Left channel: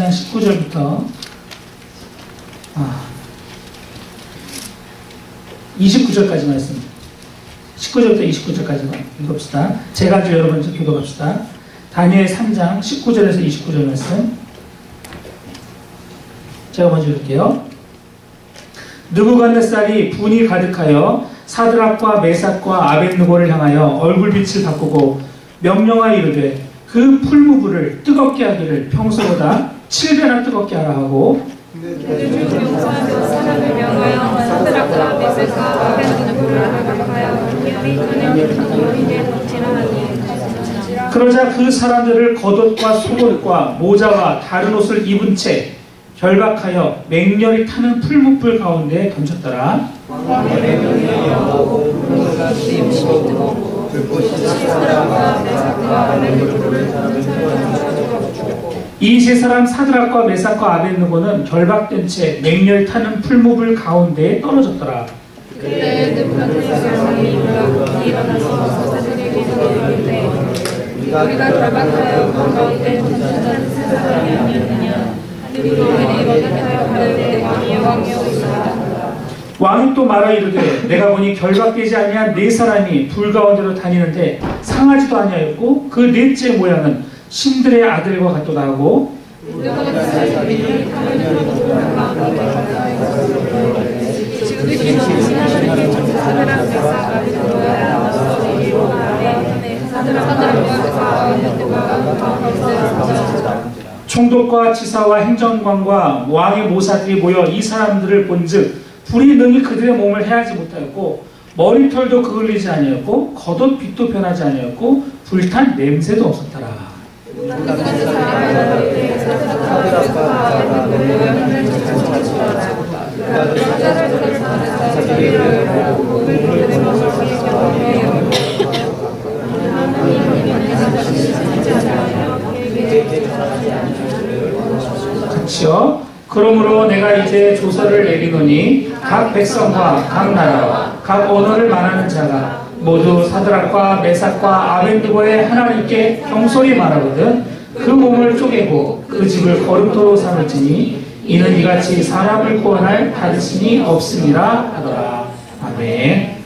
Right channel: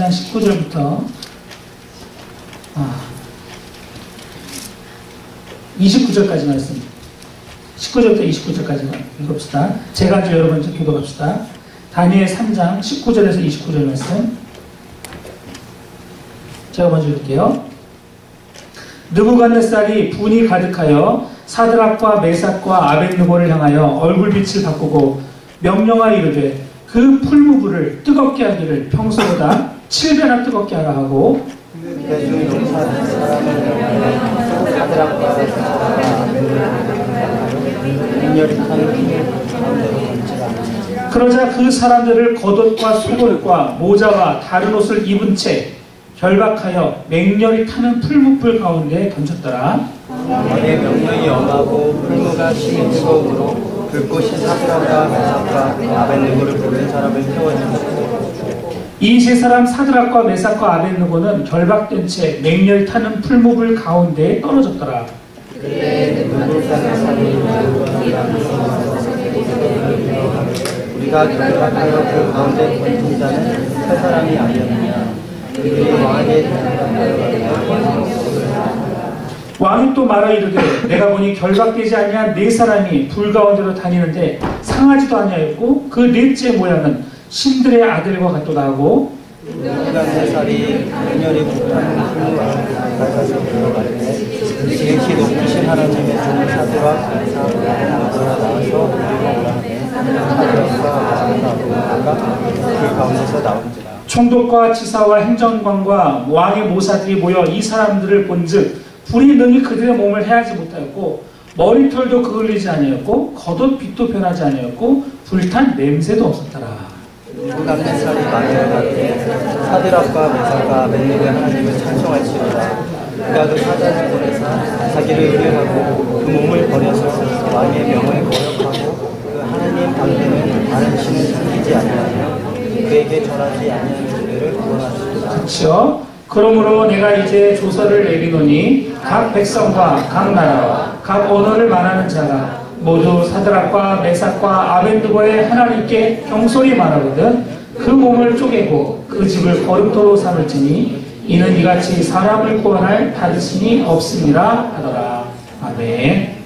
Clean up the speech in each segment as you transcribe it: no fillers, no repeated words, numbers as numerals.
3장 19절부터 29절까지 말씀. 19절부터 29절까지 읽읍시다. 제가 여러분 교독합시다. 다니엘 3장 19절에서 29절 말씀. 제가 먼저 읽을게요. 느부갓네살이 분이 가득하여 사드락과 메삭과 아벳느고를 향하여 얼굴빛을 바꾸고 명령하여 이르되 그 풀무불을 뜨겁게 하기를 평소보다 7배나 뜨겁게 하라 하고 그러자 그 사람들을 겉옷과 속옷과 모자와 다른 옷을 입은 채 결박하여 맹렬히 타는 풀무불 가운데 던졌더라. 이 세 사람 사드락과 메삭과 아벳느고는 결박된 채 맹렬히 타는 풀무불 가운데에 떨어졌더라. 우리가 그 가운데 있는 자는 세 사람이 아니었느냐. 왕이 또 말하 이르되 내가 보니 결박되지 아니한 네 사람이 불 가운데로 다니는데 상하지도 아니하였고 그 넷째 모양은 신들의 아들과 같도다 하고 총독과 지사와 행정관과 왕의 모사들이 모여 이 사람들을 본즉 불이 능히 그들의 몸을 해하지 못하였고 머리털도 그을리지 아니었고 겉옷 빛도 변하지 아니었고 불탄 냄새도 없었더라. 사드락과 메삭과 아벳느고는 찬송할지어다. 그가 그 자기를 의뢰하고 그 몸을 버려서 왕의 명을 거역하고 그 하나님 다른 신을 섬기지 아니하며 그에게 전하지 아니하기를 원하시고 그렇죠. 그러므로 내가 이제 조서를 내리노니 각 백성과 각 나라와 각 언어를 말하는 자가 모두 사드락과 메삭과 아벳느고의 하나님께 경솔히 말하거든 그 몸을 쪼개고 그 집을 거름토로 삼을지니 이는 이같이 사람을 구원할 다르신이 없음이라 하더라. 아멘.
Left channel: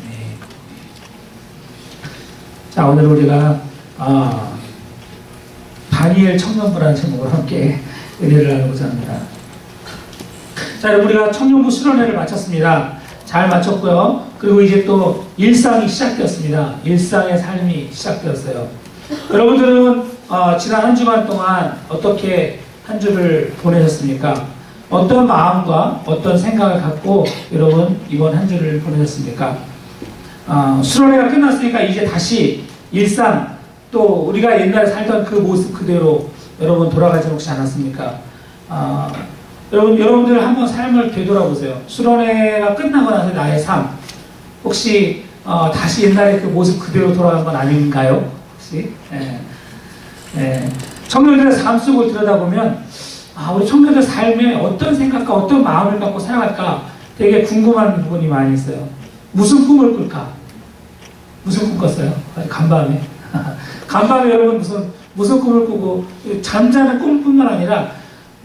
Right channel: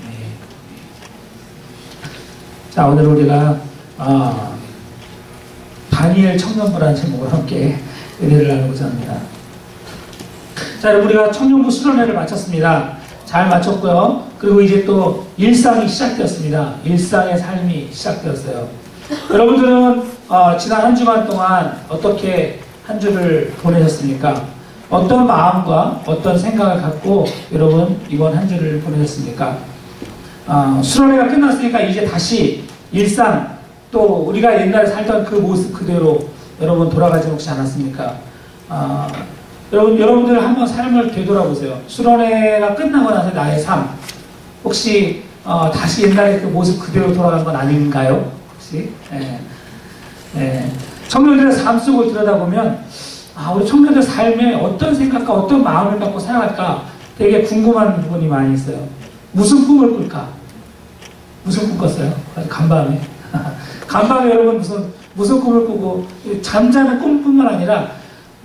자, 오늘 우리가 다니엘 청년부라는 제목으로 함께 은혜를 나누고자 합니다. 자, 여러분 우리가 청년부 수련회를 마쳤습니다. 잘 마쳤고요. 그리고 이제 또 일상이 시작되었습니다. 일상의 삶이 시작되었어요. 여러분들은 지난 한 주간 동안 어떻게 한 주를 보내셨습니까? 어떤 마음과 어떤 생각을 갖고 여러분 이번 한 주를 보내셨습니까? 수련회가 끝났으니까 이제 다시 일상 또 우리가 옛날에 살던 그 모습 그대로 여러분 돌아가지 혹시 않았습니까? 여러분들 한번 삶을 되돌아보세요. 수련회가 끝나고 나서 나의 삶 혹시 다시 옛날에 그 모습 그대로 돌아간 건 아닌가요? 혹시? 청년들의 삶 속을 들여다보면 우리 청년들 삶에 어떤 생각과 어떤 마음을 갖고 살아갈까 되게 궁금한 부분이 많이 있어요. 무슨 꿈을 꿀까? 무슨 꿈 꿨어요? 간밤에 간밤에 여러분 무슨 꿈을 꾸고 잠자는 꿈뿐만 아니라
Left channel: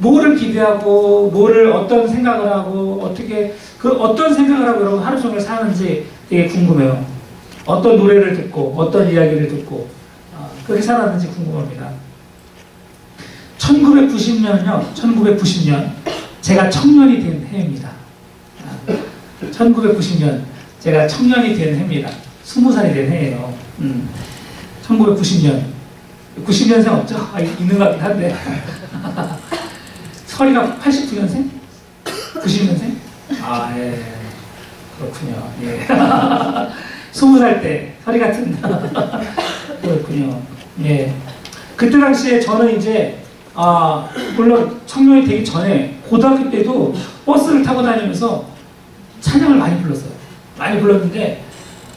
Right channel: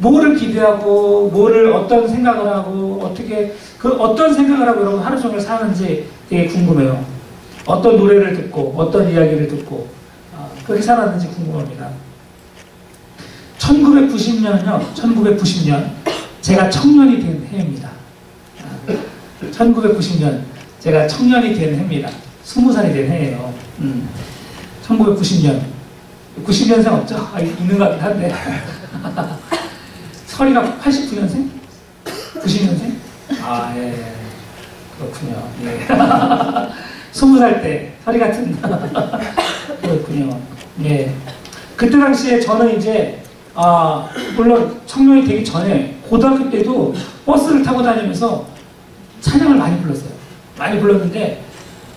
뭐를 기대하고 뭐를 어떤 생각을 하고 어떻게 어떤 생각을 하고 여러분 하루 종일 사는지 되게 궁금해요. 어떤 노래를 듣고 어떤 이야기를 듣고 그렇게 살았는지 궁금합니다. 1990년요. 1990년 제가 청년이 된 해입니다. 1990년 제가 청년이 된 해입니다. 20살이 된 해예요. 1990년 90년생 없죠? 있는 것 같긴 한데 서리가 89년생? 90년생? 예. 그렇군요. 예. 20살 때 서리 같은 그렇군요. 예. 그때 당시에 저는 이제 물론 청년이 되기 전에 고등학교 때도 버스를 타고 다니면서 찬양을 많이 불렀어요. 많이 불렀는데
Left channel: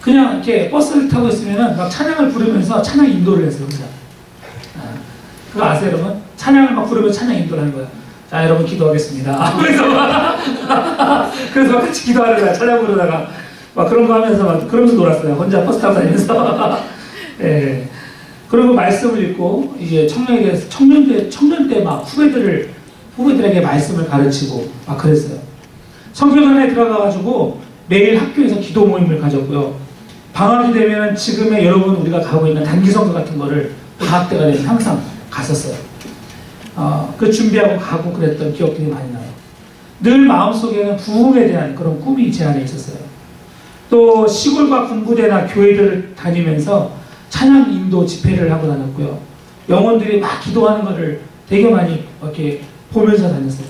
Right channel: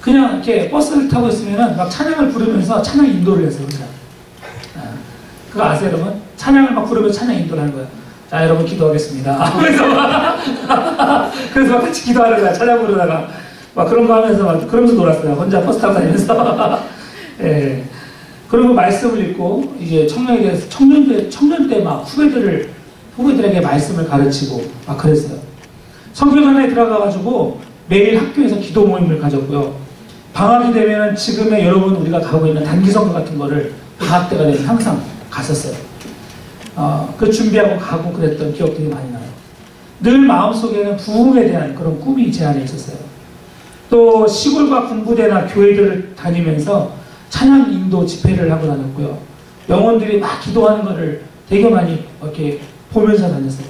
그냥 이렇게 버스를 타고 있으면은 막 찬양을 부르면서 찬양 인도를 했어요. 혼자. 그거 아세요, 여러분? 찬양을 막 부르면서 찬양 인도를 하는 거예요. 자, 여러분 기도하겠습니다. 그래서 같이 기도하는 거야. 찬양 부르다가 막 그런 거 하면서 막 그러면서 놀았어요. 혼자 버스 타고 다니면서. 예. 그리고 말씀을 읽고 이제 청년 때 막 후배들을 후배들에게 말씀을 가르치고 막 그랬어요. 선교단에 들어가가지고 매일 학교에서 기도 모임을 가졌고요. 방학이 되면 지금의 여러분 우리가 가고 있는 단기선교 같은 거를 방학 때가 되면 항상 갔었어요. 그 준비하고 가고 그랬던 기억들이 많이 나요. 늘 마음속에는 부흥에 대한 그런 꿈이 제 안에 있었어요. 또 시골과 군부대나 교회들을 다니면서 찬양 인도 집회를 하고 다녔고요. 영혼들이 막 기도하는 것을 되게 많이 이렇게 보면서 다녔어요.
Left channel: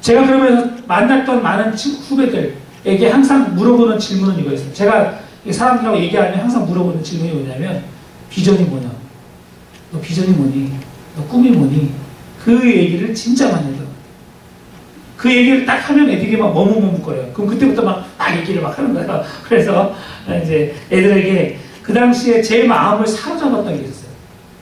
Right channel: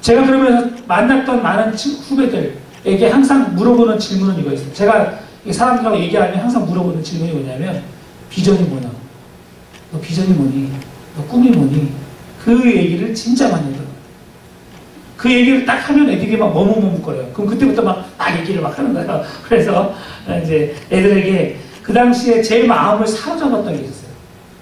제가 그러면서 만났던 많은 후배들에게 항상 물어보는 질문은 이거였어요. 제가 사람들하고 얘기하면 항상 물어보는 질문이 뭐냐면 비전이 뭐냐? 너 비전이 뭐니? 너 꿈이 뭐니? 그 얘기를 진짜 많이 해요. 그 얘기를 딱 하면 애들이 막 머뭇머뭇거려요. 그럼 그때부터 막 얘기를 막 하는 거예요. 그래서 이제 애들에게 그 당시에 제 마음을 사로잡았던 게 있었어요.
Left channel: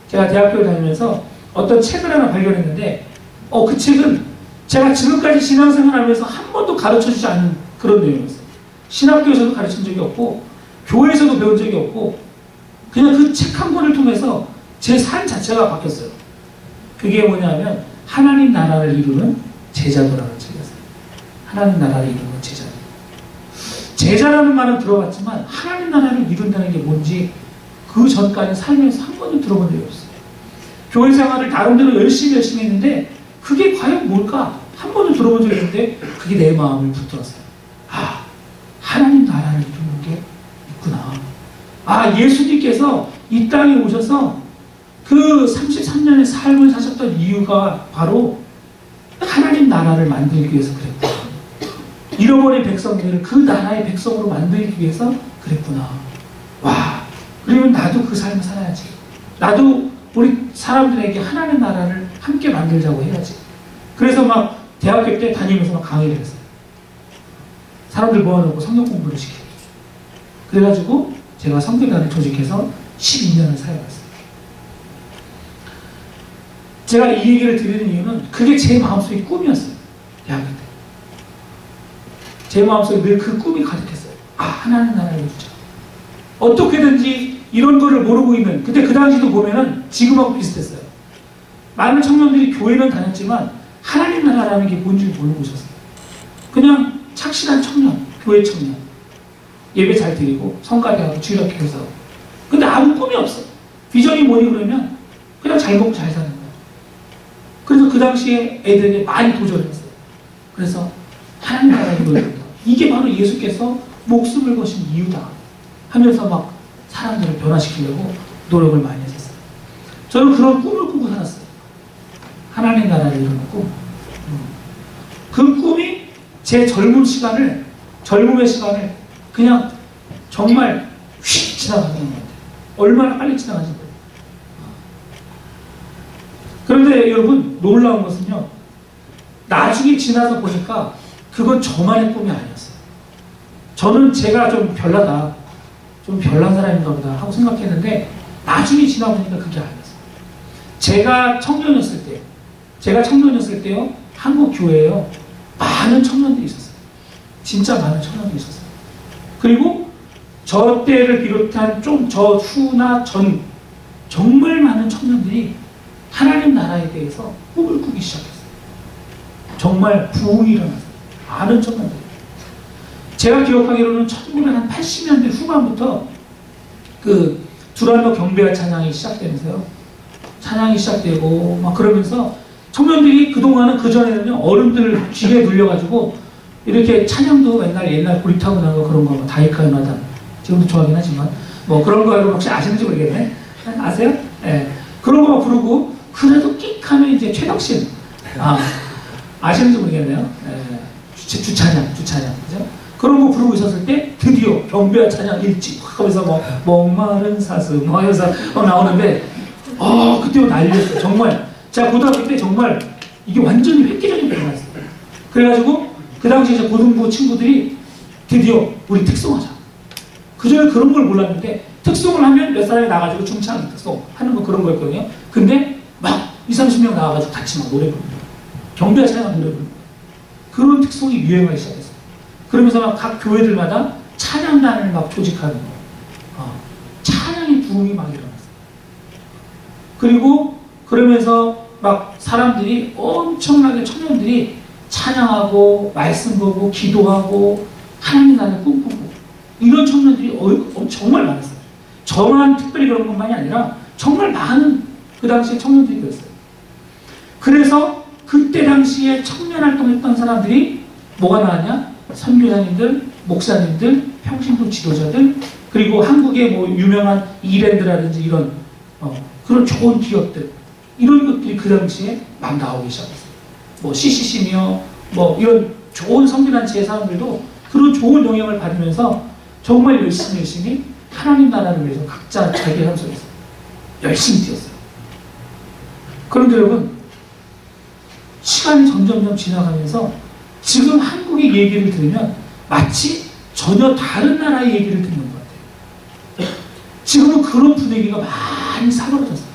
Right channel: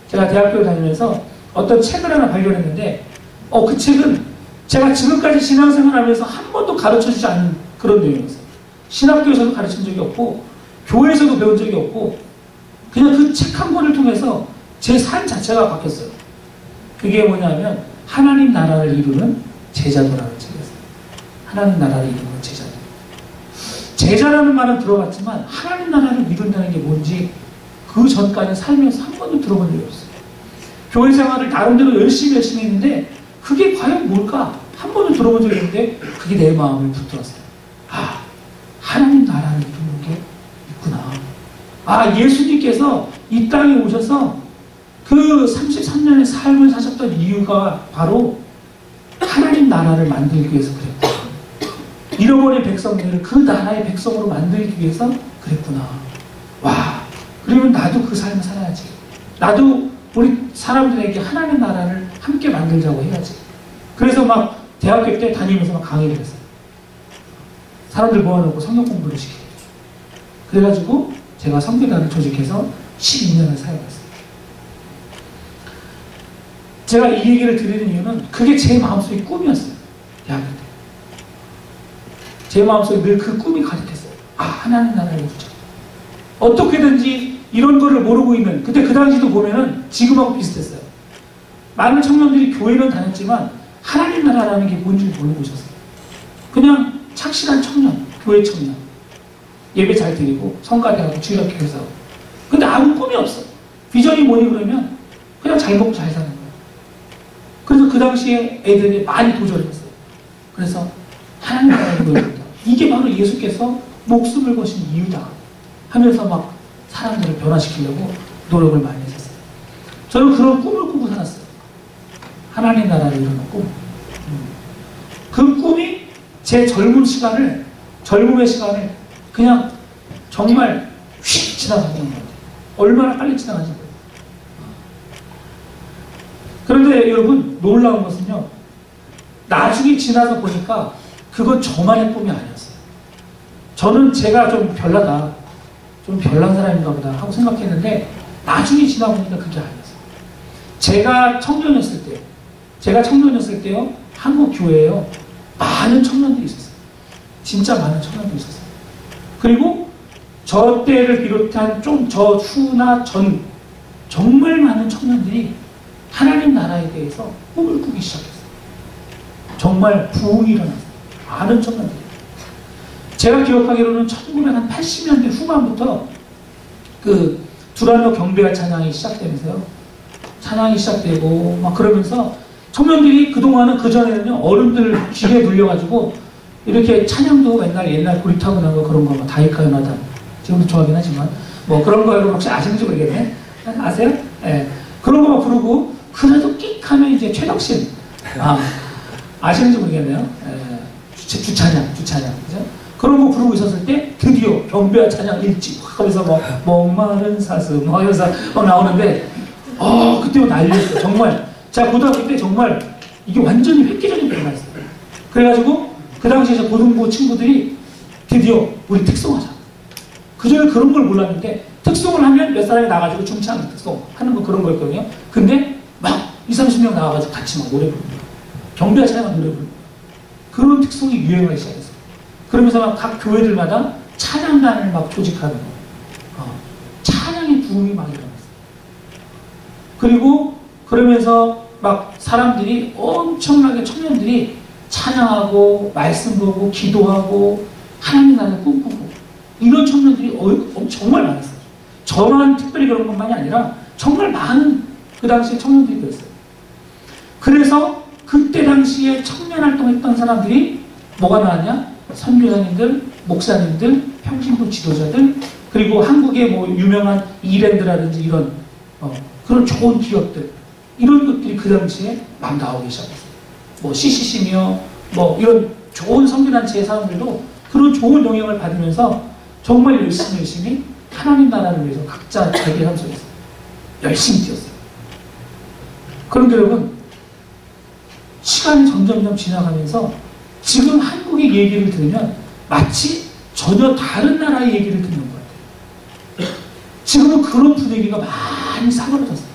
제가 대학교를 다니면서 어떤 책을 하나 발견했는데 그 책은 제가 지금까지 신앙생활 하면서 한 번도 가르쳐주지 않은 그런 내용이었어요. 신학교에서도 가르친 적이 없고 교회에서도 배운 적이 없고 그냥 그 책 한 권을 통해서 제 삶 자체가 바뀌었어요. 그게 뭐냐면 하나님 나라를 이루는 제자도라는 책이었어요. 하나님 나라를 이루는 제자도. 제자라는 말은 들어봤지만 하나님 나라를 이룬다는 게 뭔지 그 전까지 살면서 한 번도 들어본 적이 없어요. 교회 생활을 나름대로 열심히 했는데 그게 과연 뭘까? 한 번도 들어본 적이 없는데 그게 내 마음을 붙들었어요. 하나님 나라를 이루는 게 있구나. 예수님께서 이 땅에 오셔서 그 33년의 삶을 사셨던 이유가 바로 하나님 나라를 만들기 위해서 그랬구나. 잃어버린 백성들을 그 나라의 백성으로 만들기 위해서 그랬구나. 그러면 나도 그 삶을 살아야지. 나도 우리 사람들에게 하나님 나라를 함께 만들자고 해야지. 그래서 막 대학교 때 다니면서 막 강의를 했어요. 사람들 모아놓고 성경 공부를 시켜요. 그래가지고 제가 선교단을 조직해서 12년을 사역했어요. 제가 이 얘기를 드리는 이유는 그게 제 마음속의 꿈이었어요. 대학교 때. 제 마음속에 늘 그 꿈이 가득했어요. 하나님 나라를 이루자. 어떻게든지 이런 거를 모르고 있는, 근데 그 당시도 보면은 지금하고 비슷했어요. 많은 청년들이 교회는 다녔지만 하나님 나라라는 게 뭔지 모르고 있었어요. 그냥 착실한 청년, 교회 청년. 예배 잘 드리고 성가대하고 주일학교에서. 근데 아무 꿈이 없어. 비전이 뭐니 그러면 그냥 잘 먹고 잘 사는 거예요. 그래서 그 당시에 애들이 많이 도전을 했어요. 그래서 하나님 나라를 이루어진다. 이게 바로 예수께서 목숨을 거신 이유다 하면서 막 사람들을 변화시키려고 노력을 많이 했었어요. 저는 그런 꿈을 꾸고 살았어요. 하나님 나라를 이루는 꿈. 그 꿈이 제 젊음의 시간을 그냥 정말 휙 지나가는 것 같아요. 얼마나 빨리 지나가는지 모르겠어요. 그런데 여러분 놀라운 것은요, 나중에 지나서 보니까 그건 저만의 꿈이 아니었어요. 저는 제가 좀 별나다, 좀 별난 사람인가 보다 하고 생각했는데 나중에 지나보니까 그게 아니었어요. 제가 청년이었을 때요, 한국 교회에요, 많은 청년들이 있었어요. 진짜 많은 청년들이 있었어요. 그리고 저 때를 비롯한 좀 저 후나 전 정말 많은 청년들이 하나님 나라에 대해서 꿈을 꾸기 시작했어요. 정말 부흥이 일어났어요. 많은 청년들이. 제가 기억하기로는 1980년대 후반부터 그 두란노 경배와 찬양이 시작되면서요. 찬양이 시작되고 막 그러면서 청년들이 그동안은 그전에는요, 어른들 귀에 눌려가지고 이렇게 찬양도 맨날 옛날 고리타분한 거 그런 거 다이카 연하단 지금도 좋아하긴 하지만 뭐 그런 거 여러분 혹시 아시는지 모르겠네. 아세요? 예. 그런 거 부르고 그래도 끽 하면 이제 최덕신 아시는지 모르겠네요. 예. 주찬양 그죠? 그런 거 부르고 있었을 때 드디어 경배와 찬양 일찍 하면서 뭐 목마른 사슴 뭐 하면서 나오는데 그때 난리였어요. 정말 제가 고등학교 때 정말 이게 완전히 획기적인 변화였어요. 그래가지고 그 당시에 제 고등부 친구들이 드디어 우리 특송하자. 그전에 그런 걸 몰랐는데 특송을 하면 몇 사람이 나가지고 중창 특송 하는 거 그런 거였거든요. 근데 막 20-30명 나와가지고 같이 막 노래 부르는 거예요. 경배와 찬양 노래 부르는 거예요. 그런 특송이 유행하기 시작했어요. 그러면서 막 각 교회들마다 찬양단을 막 조직하는 거예요. 찬양의 부흥이 막 일어났어요. 그리고 그러면서 막 사람들이 엄청나게 청년들이 찬양하고 말씀 보고 기도하고 하나님 나라를 꿈꾸고 이런 청년들이 정말 많았어요. 저만 특별히 그런 것만이 아니라 정말 많은 그 당시에 청년들이 그랬어요. 그래서 그때 당시에 청년 활동했던 사람들이 뭐가 나왔냐? 선교사님들, 목사님들, 평신도 지도자들, 그리고 한국의 뭐 유명한 이랜드라든지 이런 그런 좋은 기업들, 이런 것들이 그 당시에 막 나오기 시작했어요. 뭐 CCC며 뭐 이런 좋은 선교단체의 사람들도 그런 좋은 영향을 받으면서 정말 열심히 하나님 나라를 위해서 각자 자기의 삶 속에서 열심히 뛰었어요. 그런데 여러분, 시간이 점점 지나가면서 지금 한국의 얘기를 들으면 마치 전혀 다른 나라의 얘기를 듣는 것 같아요. 지금은 그런 분위기가 많이 사그러졌어요.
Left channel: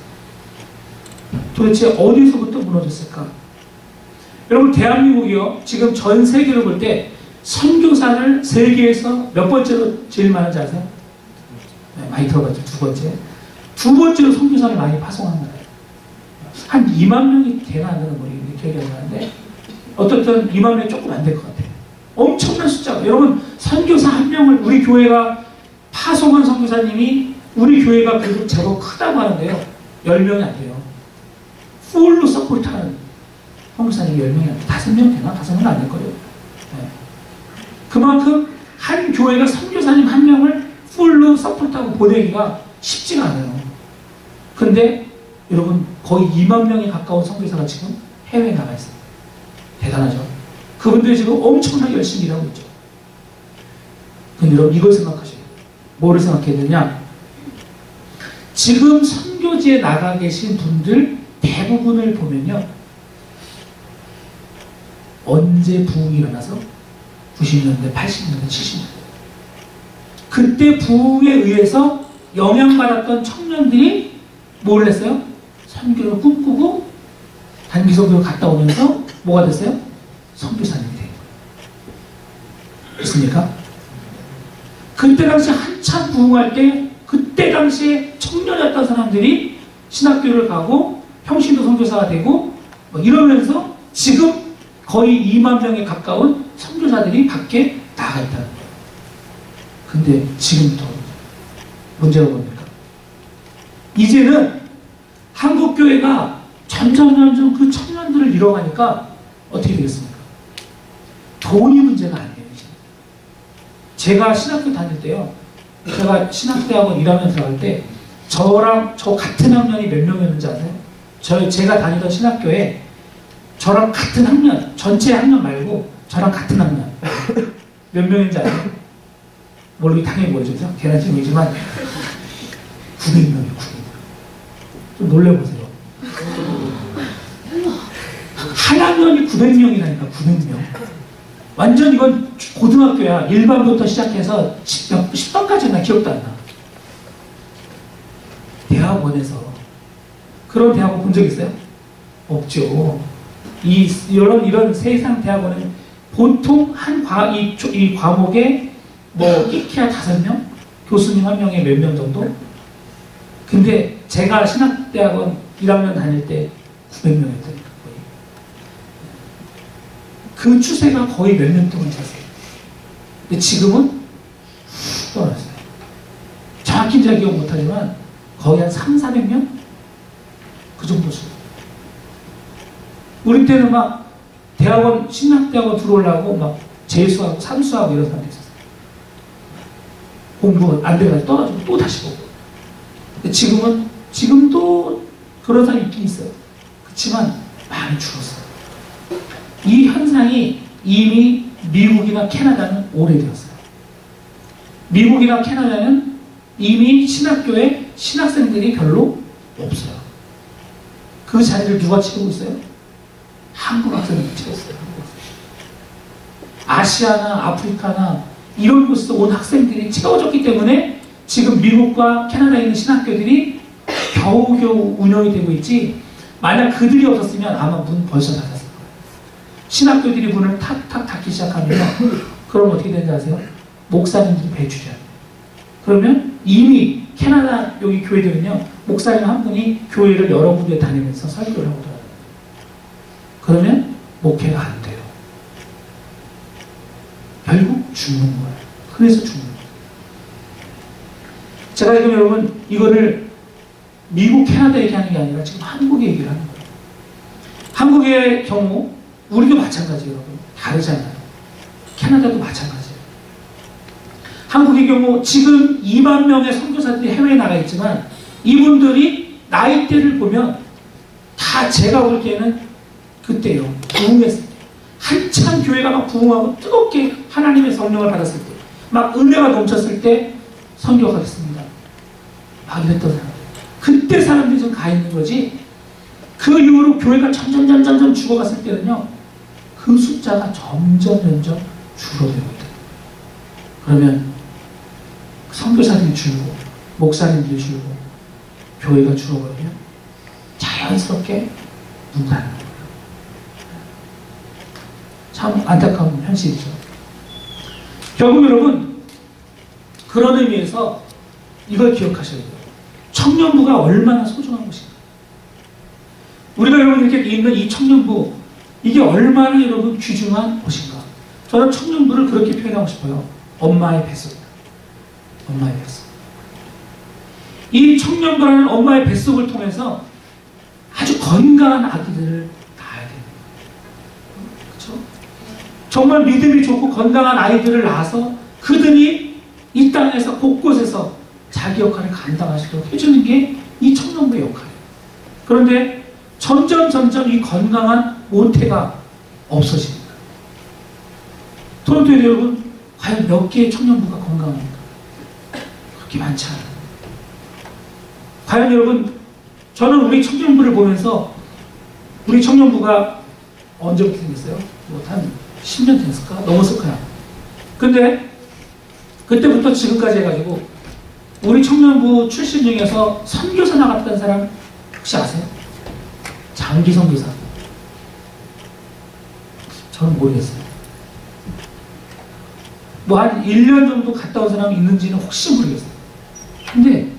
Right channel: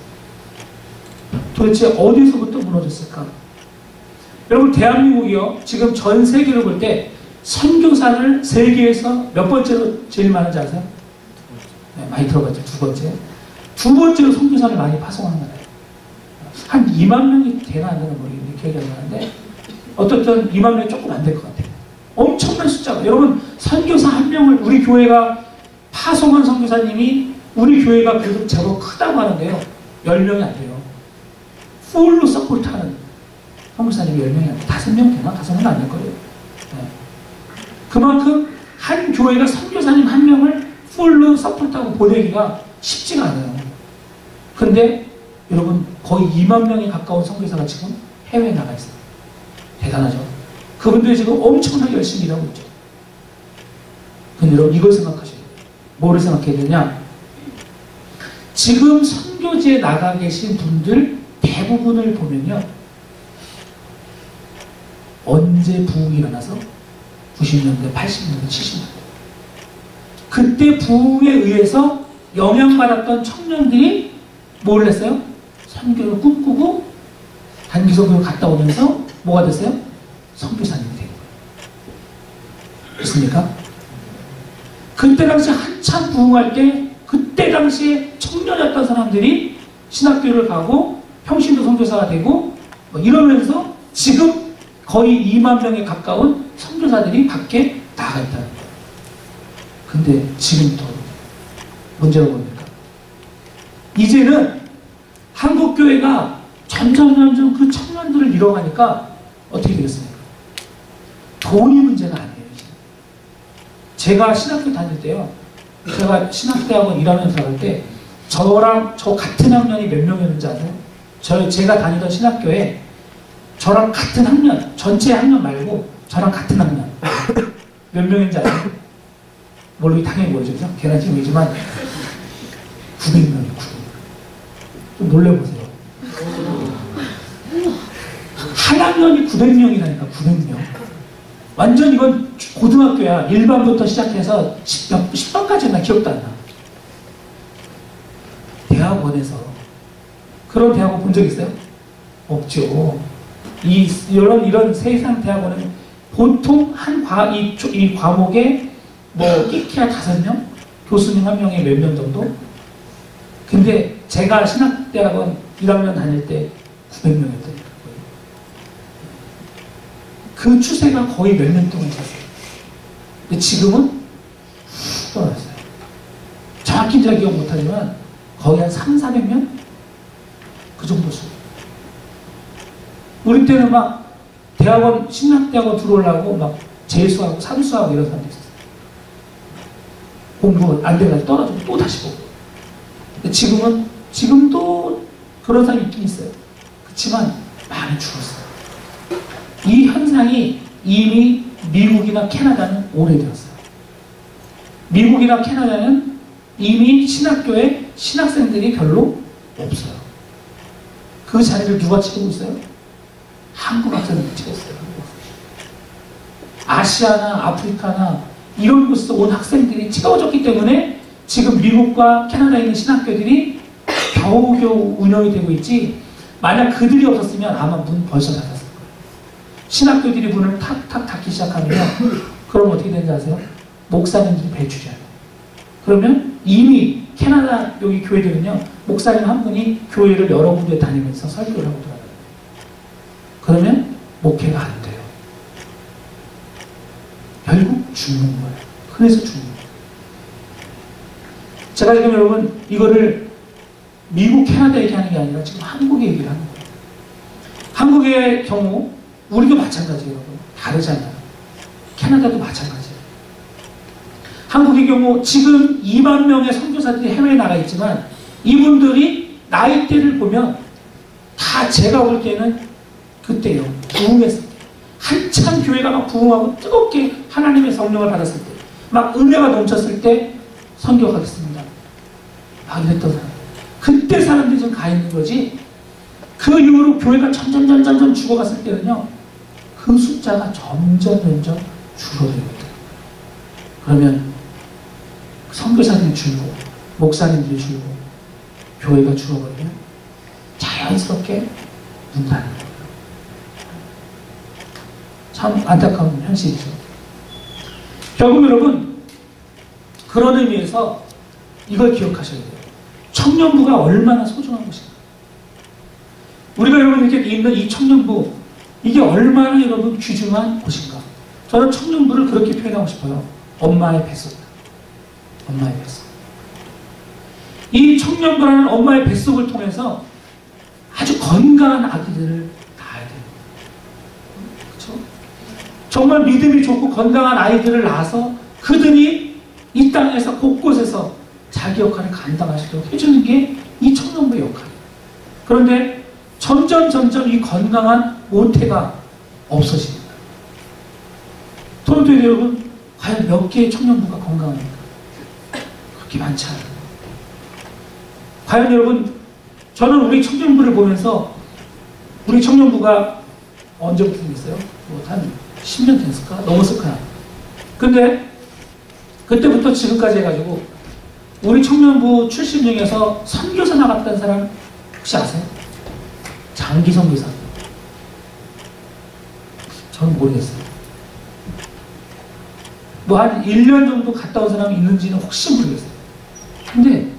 도대체 어디서부터 무너졌을까? 여러분, 대한민국이요, 지금 전 세계로 볼 때 선교사를 세계에서 몇 번째로 제일 많은지 아세요? 네, 많이 들어봤죠. 두 번째. 두 번째로 선교사를 많이 파송하는 나라예요. 한 2만 명이 되나 안 되나 모르겠는데 기억이 안 나는데 어떻든 2만 명이 조금 안 될 것 같아요. 엄청난 숫자가. 여러분, 선교사 한 명을 우리 교회가 파송한 선교사님이 우리 교회가 그래도 제법 크다고 하는데요, 10명이 안 돼요. 풀로 서포트하는 선교사님이 10명이 안 돼요. 5명 되나? 5명 안 될 거예요. 네. 그만큼 한 교회가 선교사님 한 명을 풀로 서포트하고 보내기가 쉽지가 않아요. 근데 여러분, 거의 2만 명에 가까운 선교사가 지금 해외에 나가 있어요. 대단하죠? 그분들이 지금 엄청나게 열심히 일하고 있죠. 근데 여러분, 이걸 생각하셔야 돼요. 뭐를 생각해야 되냐? 지금 선교지에 나가 계신 분들 대부분을 보면요, 언제 부흥이 일어나서 90년대, 80년대, 70년대 그때 부흥에 의해서 영향받았던 청년들이 뭘 했어요? 선교를 꿈꾸고 단기 선교를 갔다 오면서 뭐가 됐어요? 선교사님이 된 거예요. 됐습니까? 그때 당시 한참 부흥할 때 그때 당시에 청년이었던 사람들이 신학교를 가고 평신도 선교사가 되고 뭐 이러면서 지금 거의 2만 명에 가까운 선교사들이 밖에 나가 있다는 거예요. 근데 지금부터 문제가 뭡니까? 이제는 한국교회가 점점 그 청년들을 잃어가니까 어떻게 되겠습니까? 돈이 문제가 아니에요. 이제. 제가 신학교 다닐 때요, 제가 신학대학원 1학년 들어갈 때 저랑 저 같은 학년이 몇 명이었는지 아세요? 제가 다니던 신학교에 저랑 같은 학년, 전체 학년 말고 저랑 같은 학년 몇 명인지 아세요? 모르게 당연히 모르죠. 걔는 지금이지만 900명이에요. 900명. 좀 놀래보세요. 한 학년이 900명이라니까. 900명. 완전 이건 고등학교야. 1반부터 시작해서 10반까지는 나 기억도 안 나. 대학원에서 그런 대학원 본 적 있어요? 없죠. 이런 세상 대학원은 보통 이 과목에 뭐 끼키야 5명? 교수님 1명에 몇 명 정도? 근데 제가 신학대학원 1학년 다닐 때 900명이었다니까. 거의. 그 추세가 거의 몇 년 동안 잤어요. 근데 지금은 훅 떨어졌어요. 정확히 제가 기억 못하지만 거의 한 300~400명? 그 정도 수. 우리 때는 막 대학원, 신학대학원 들어오려고 막 재수하고 삼수하고 이런 사람도 있었어요. 공부 안 돼가지고 떨어지고 또 다시 보고. 근데 지금도 그런 사람이 있긴 있어요. 그렇지만 많이 줄었어요. 이 현상이 이미 미국이나 캐나다는 오래되었어요. 미국이나 캐나다는 이미 신학교에 신학생들이 별로 없어요. 그 자리를 누가 채우고 있어요? 한국 학생들이 채웠어요. 한국 학생. 아시아나 아프리카나 이런 곳에서 온 학생들이 채워졌기 때문에 지금 미국과 캐나다에 있는 신학교들이 겨우겨우 운영이 되고 있지, 만약 그들이 없었으면 아마 문 벌써 닫았을 거예요. 신학교들이 문을 탁탁 닫기 시작하면 그럼 어떻게 되는지 아세요? 목사님들이 배출해요. 그러면 이미 캐나다 여기 교회들은요, 목사님 한 분이 교회를 여러 군데 다니면서 설교를 하고 돌아다녀요. 그러면 목회가 안 돼요. 결국 죽는 거예요. 그래서 죽는 거예요. 제가 지금 여러분 이거를 미국, 캐나다 얘기하는 게 아니라 지금 한국 얘기를 하는 거예요. 한국의 경우 우리도 마찬가지예요. 여러분. 다르잖아요. 캐나다도 마찬가지예요. 한국의 경우 지금 2만 명의 선교사들이 해외에 나가 있지만 이분들이 나이대를 보면 다 제가 볼 때는 그때요. 부흥했을 때. 한참 교회가 막 부흥하고 뜨겁게 하나님의 성령을 받았을 때, 막 은혜가 넘쳤을 때 선교하겠습니다. 막 이랬던 사람. 그때 사람들이 좀 가 있는 거지. 그 이후로 교회가 점점 죽어갔을 때는요, 그 숫자가 점점 줄어들고 있다. 그러면 선교사들이 줄고 목사님들이 줄고 교회가 줄어버리면 자연스럽게 문 닫는 거예요. 참 안타까운 현실이죠. 결국 여러분 그런 의미에서 이걸 기억하셔야 돼요. 청년부가 얼마나 소중한 것인가. 우리가 여러분 이렇게 있는 이 청년부, 이게 얼마나 여러분 귀중한 곳인가. 저는 청년부를 그렇게 표현하고 싶어요. 엄마의 뱃속이다. 엄마의 뱃속. 이 청년부라는 엄마의 뱃속을 통해서 아주 건강한 아기들을 낳아야 돼요. 그렇죠? 정말 믿음이 좋고 건강한 아이들을 낳아서 그들이 이 땅에서 곳곳에서 자기 역할을 감당하시도록 해주는 게 이 청년부의 역할이에요. 그런데 점점 이 건강한 모태가 없어집니다. 토론토에 여러분 과연 몇 개의 청년부가 건강합니까? 그렇게 많지 않아요. 과연 여러분, 저는 우리 청년부를 보면서 우리 청년부가 언제부터 생겼어요? 뭐 한 10년 됐을까? 넘었을 거야. 근데 그때부터 지금까지 해가지고 우리 청년부 출신 중에서 선교사 나갔던 사람 혹시 아세요? 장기 선교사. 저는 모르겠어요. 뭐 한 1년 정도 갔다 온 사람이 있는지는 혹시 모르겠어요. 근데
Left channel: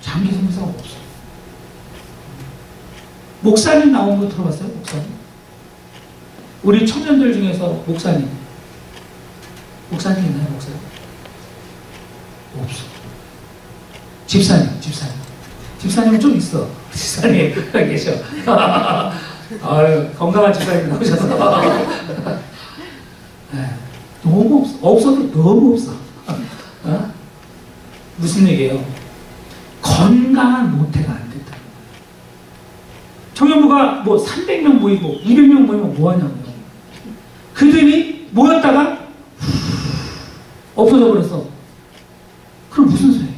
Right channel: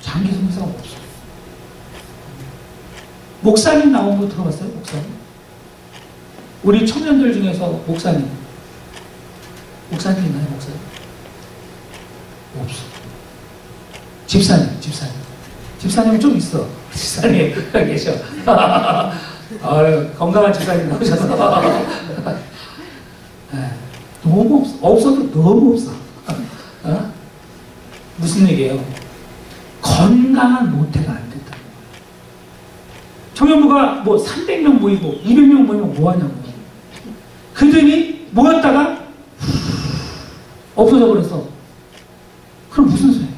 장기 선교사가 없어요. 목사님 나온 거 들어봤어요? 목사님? 우리 청년들 중에서 목사님 있나요? 목사님? 없어. 집사님은 좀 있어. 집사님 계셔. 아유, 건강한 집사님 나오셔서 너무 없어. 없어도 너무 없어. 어? 무슨 얘기예요? 건강한 모태가 안 됐다는 거예요. 청년부가 뭐 300명 모이고 200명 모이면 뭐하냐고요. 그들이 모였다가 없어져 버렸어. 그럼 무슨 소리예요?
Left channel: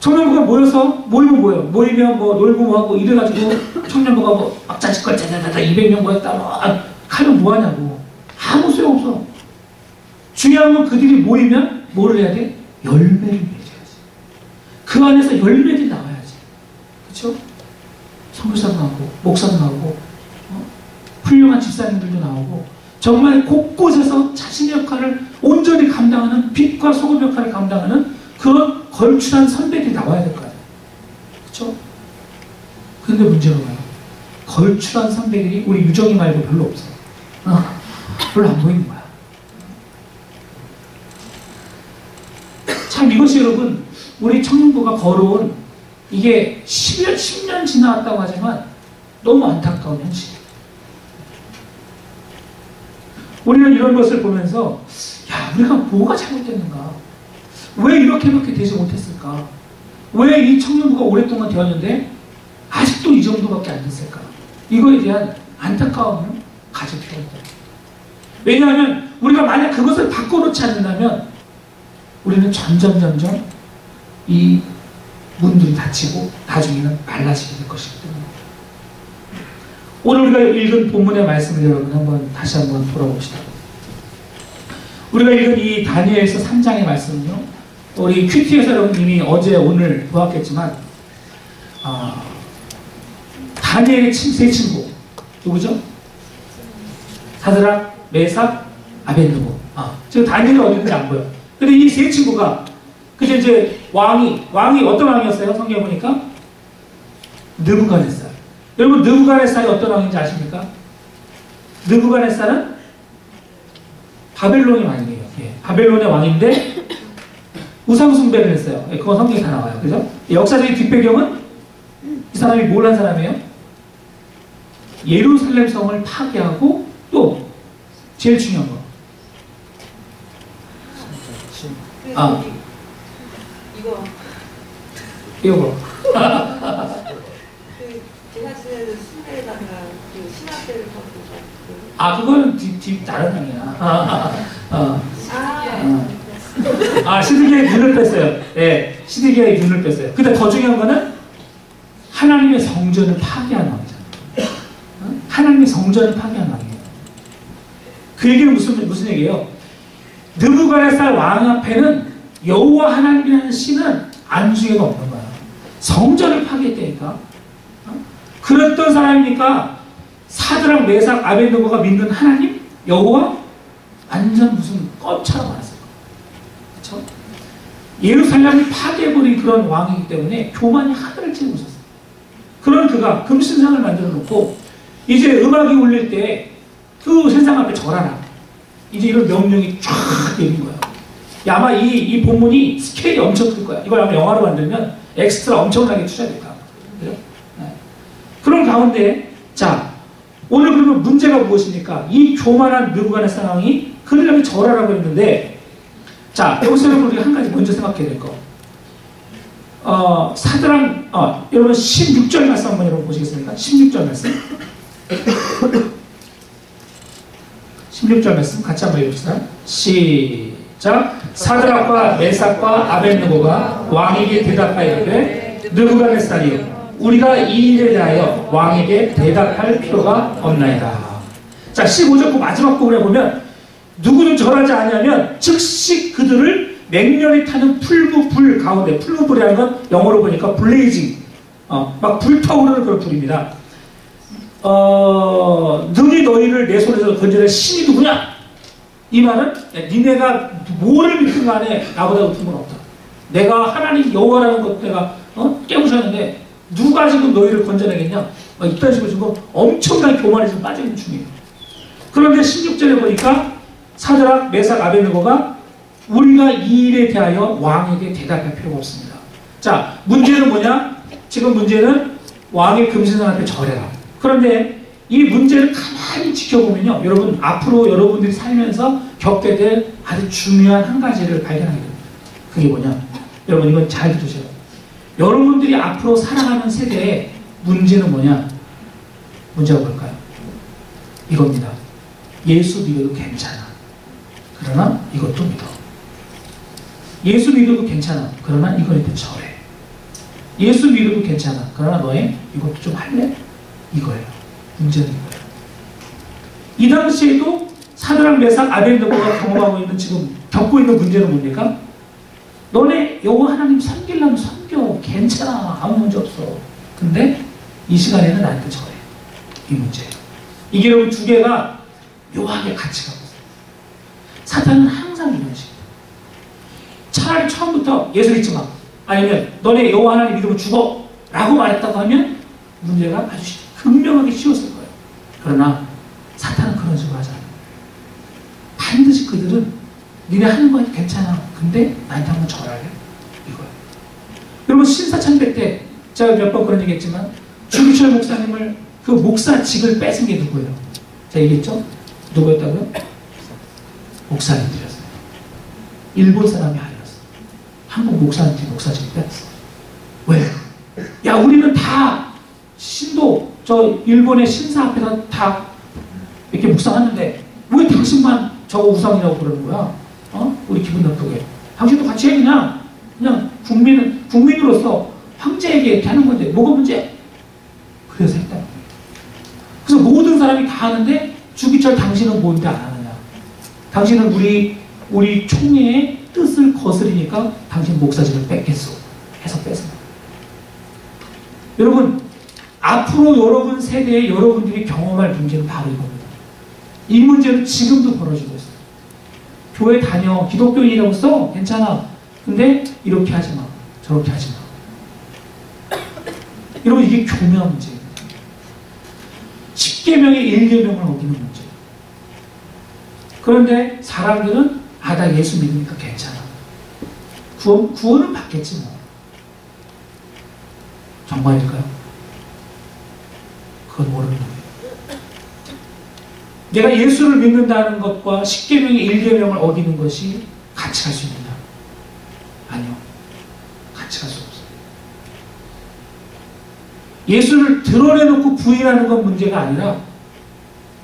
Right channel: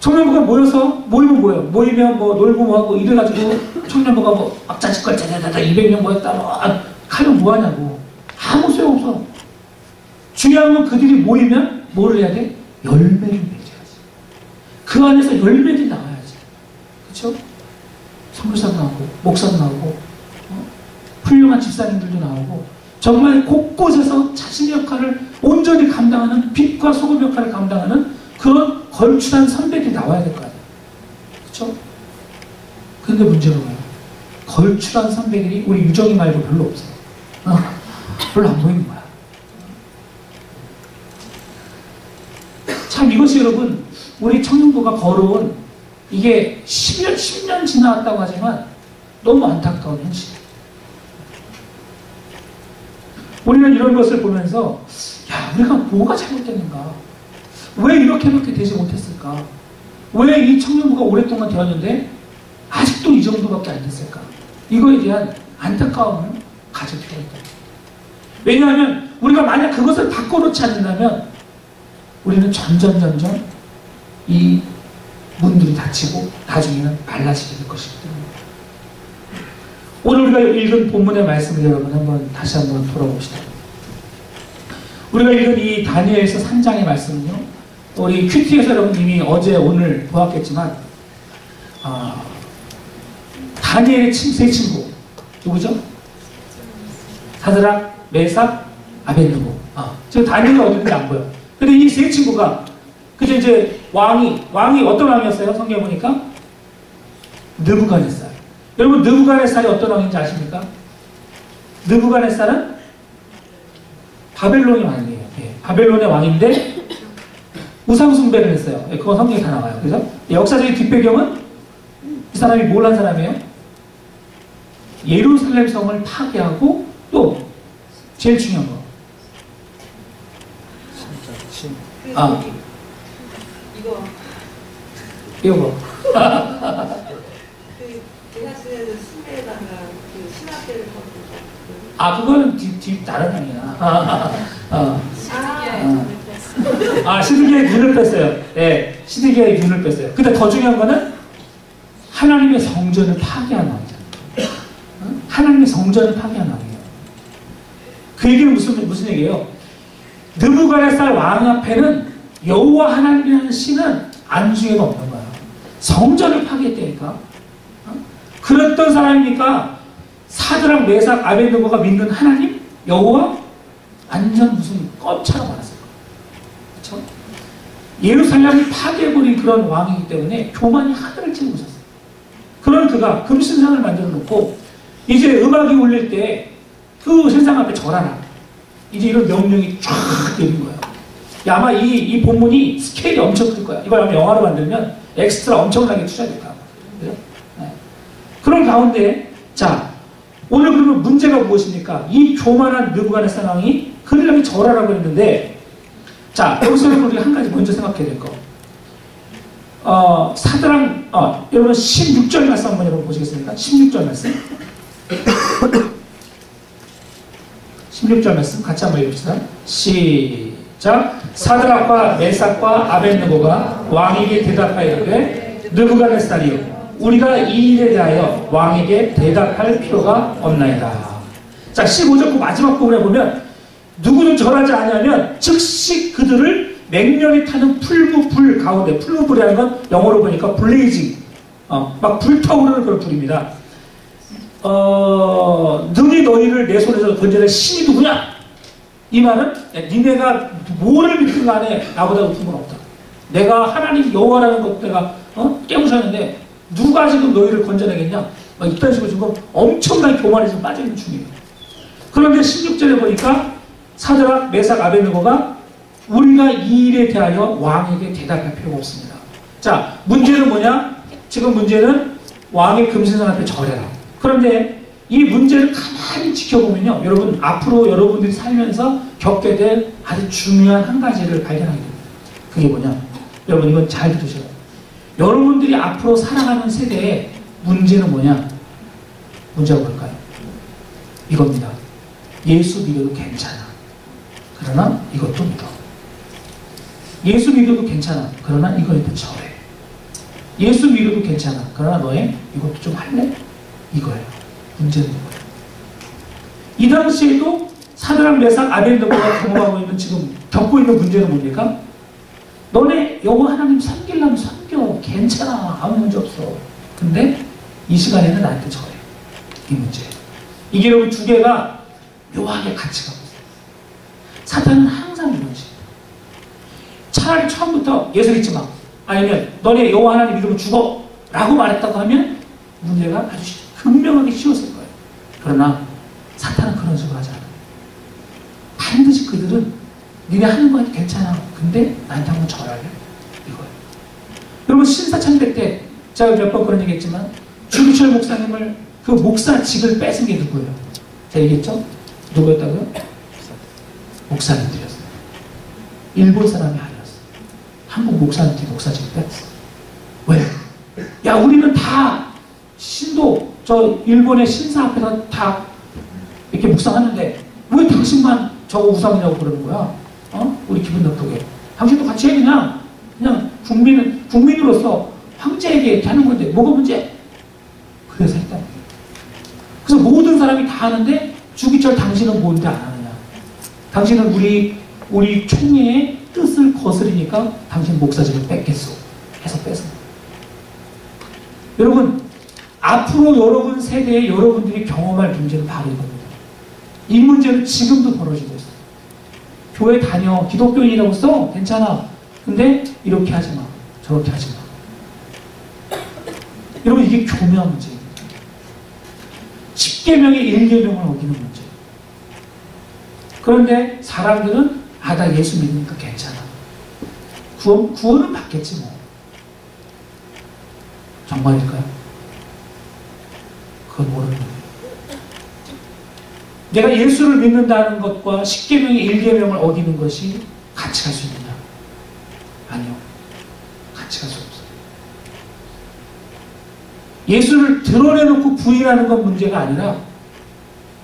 청년부가 모이면 뭐예요? 모이면 뭐 놀고 뭐하고 이래가지고 청년부가 뭐 막자식걸 짜자자자 200명 모였다 뭐 하면 뭐하냐고. 아무 소용없어. 중요한 건 그들이 모이면 뭐를 해야 돼? 열매를 맺어야지. 그 안에서 열매들이 나와야지. 그렇죠? 선교사도 나오고 목사도 나오고 훌륭한 집사님들도 나오고 정말 곳곳에서 자신의 역할을 온전히 감당하는 빛과 소금 역할을 감당하는 그런 걸출한 선배들이 나와야 될 거 아니에요. 그렇죠? 근데 문제가 뭐예요? 걸출한 선배들이 우리 유정이 말고 별로 없어. 별로 안 보이는 거야. 참 이것이 여러분 우리 청년부가 걸어온 이게 10년 지나왔다고 하지만 너무 안타까운 현실이에요. 우리는 이런 것을 보면서 야, 우리가 뭐가 잘못됐는가? 왜 이렇게밖에 되지 못했을까? 왜 이 청년부가 오랫동안 되었는데 아직도 이 정도밖에 안 됐을까? 이거에 대한 안타까움을 가질 필요가 있다. 왜냐하면 우리가 만약 그것을 바꿔놓지 않는다면 우리는 점점 이 문들이 닫히고 나중에는 말라지게 될 것이기 때문에 오늘 우리가 읽은 본문의 말씀을 여러분 다시 한번 돌아봅시다. 우리가 읽은 이 다니엘서 3장의 말씀은요, 우리 큐티에서 여러분 이미 어제 오늘 보았겠지만 다니엘의 세 친구 누구죠? 사드락, 메삭, 아벳느고. 지금 다니엘이 어디 있는지 안 보여. 근데 이 세 친구가 그저 이제 왕이 어떤 왕이었어요? 성경에 보니까 느부갓네살. 여러분 느부갓네살이 어떤 왕인지 아십니까? 느부갓네살은 바벨론의 왕이에요. 예, 바벨론의 왕인데 우상 숭배를 했어요. 예, 그건 성경에 다 나와요. 그죠? 역사적인 뒷배경은 이 사람이 뭘 한 사람이에요? 예루살렘 성을 파괴하고 또 제일 중요한 거. 아, 이거 뭐? 그 제사지내는 숭배에다가 그 신학대를 받고 아, 그거는 다른 상이야. 시드기야의 눈을 뺐어요. 예, 시드기야의 눈을 뺐어요. 근데 더 중요한 거는 하나님의 성전을 파괴한 왕이잖아요. 하나님의 성전을 파괴한 왕이에요. 그 얘기는 무슨 얘기예요? 느부갓네살 왕 앞에는 여호와 하나님이라는 신은 안중에도 없는 거야. 성전을 파괴했다니까. 그랬던 사람이니까 사드락, 메삭, 아벳느고가 믿는 하나님, 여호와 완전 무슨 껌처럼 알았어요. 그렇죠? 예루살렘을 파괴해버린 그런 왕이기 때문에 교만이 하늘을 찌르고 있었어요. 그런 그가 금신상을 만들어 놓고 이제 음악이 울릴 때 그 신상 앞에 절하라. 이제 이런 명령이 쫙 내린 거예요. 아마 이 본문이 스케일이 엄청 클 거야. 이걸 아마 영화로 만들면 엑스트라 엄청나게 투자될 거야. 그죠? 네. 그런 가운데 자, 오늘 그러면 문제가 무엇입니까? 이 교만한 느부갓네살 왕이 그들에게 절하라고 했는데, 자, 여기서 여러분 우리가 한 가지 먼저 생각해야 될 거. 여러분 16절 말씀 한번 여러분 보시겠습니까? 16절 말씀. 16절 말씀 같이 한번 읽읍시다. 시작. 사드락과 메삭과 아벳느고가 왕에게 대답하였되 느부갓네살이여, 우리가 이 일에 대하여 왕에게 대답할 필요가 없나이다. 자, 15절 그 마지막 부분에 보면 누구는 절하지 않으면 즉시 그들을 맹렬히 타는 풀무불 가운데, 풀무불이라는 건 영어로 보니까 블레이징, 막 불타오르는 그런 불입니다. 능히 너희를 내 손에서 건져낼 신이 누구냐? 이 말은 니네가 뭐를 믿든 간에 나보다 높은 건 없다. 내가 하나님 여호와라는 것 내가 깨우셨는데 누가 지금 너희를 건져내겠냐? 막 이딴 식으로 지금 엄청나게 교만에 지금 빠져있는 중이에요. 그런데 16절에 보니까 사드락, 메삭, 아벳느고가 우리가 이 일에 대하여 왕에게 대답할 필요가 없습니다. 자, 문제는 뭐냐? 지금 문제는 왕의 금신상 앞에 절해라. 그런데 이 문제를 가만히 지켜보면요, 여러분 앞으로 여러분들이 살면서 겪게 될 아주 중요한 한 가지를 발견하게 됩니다. 그게 뭐냐? 여러분 이건 잘 들으세요. 여러분들이 앞으로 살아가는 세대의 문제는 뭐냐? 문제가 뭘까요? 이겁니다. 예수 믿어도 괜찮아. 그러나 이것도 믿어. 예수 믿어도 괜찮아. 그러나 이거에도 절해. 예수 믿어도 괜찮아. 그러나 너의 이것도 좀 할래? 이거예요. 문제는 이거예요. 이 당시에도 사드락, 메삭, 아벳느고가 경험하고 있는, 지금 겪고 있는 문제는 뭡니까? 너네 여호와 하나님 섬기려면 섬겨. 괜찮아. 아무 문제 없어. 근데 이 시간에는 나한테 절해. 이 문제예요. 이게 여러분 두 개가 묘하게 같이 가고 있어요. 사탄은 항상 이런 식이에요. 차라리 처음부터 예수 믿지 마. 아니면 너네 여호와 하나님 믿으면 죽어. 라고 말했다고 하면 문제가 아주 분명하게 쉬웠을 거예요. 그러나 사탄은 그런 식으로 하지 않아요. 반드시 그들은 니네 하는 거 괜찮아. 근데 나한테 한번 절할래? 이거예요. 여러분 신사참배 때 제가 몇 번 그런 얘기 했지만 주기철 목사님을 그 목사직을 뺏은 게 누구예요? 제가 얘기했죠? 누구였다고요? 목사님들이었어요. 일본 사람이 아니었어요. 한국 목사님들이 목사직을 뺐어. 왜? 야, 우리는 다 신도 저 일본의 신사 앞에서 다 이렇게 묵상하는데 왜 당신만 저거 우상이라고 그러는 거야? 우리 기분 나쁘게. 당신도 같이 해. 그냥 국민으로서 황제에게 이렇게 하는 건데 뭐가 문제? 그래서 했다는 거예요. 그래서 모든 사람이 다 하는데 주기철 당신은 뭔데 안 하느냐? 당신은 우리 총회의 뜻을 거스리니까 당신 목사직을 뺏겠소. 해서 뺏습니다. 여러분, 앞으로 여러분 세대에 여러분들이 경험할 문제는 바로 이겁니다. 이 문제는 지금도 벌어지고 있어요. 교회 다녀. 기독교인이라고 써. 괜찮아. 근데 이렇게 하지 마. 저렇게 하지 마. 여러분 이게 교묘한 문제입니다. 10계명의 1계명을 어기는 문제. 그런데 사람들은 나 예수 믿으니까 괜찮아. 구원은 받겠지 뭐. 정말일까요? 그건 모르는 거예요. 내가 예수를 믿는다는 것과 10계명의 1계명을 어기는 것이 같이 갈 수 있느냐? 아니요. 같이 갈 수 없어요. 예수를 드러내놓고 부인하는 건 문제가 아니라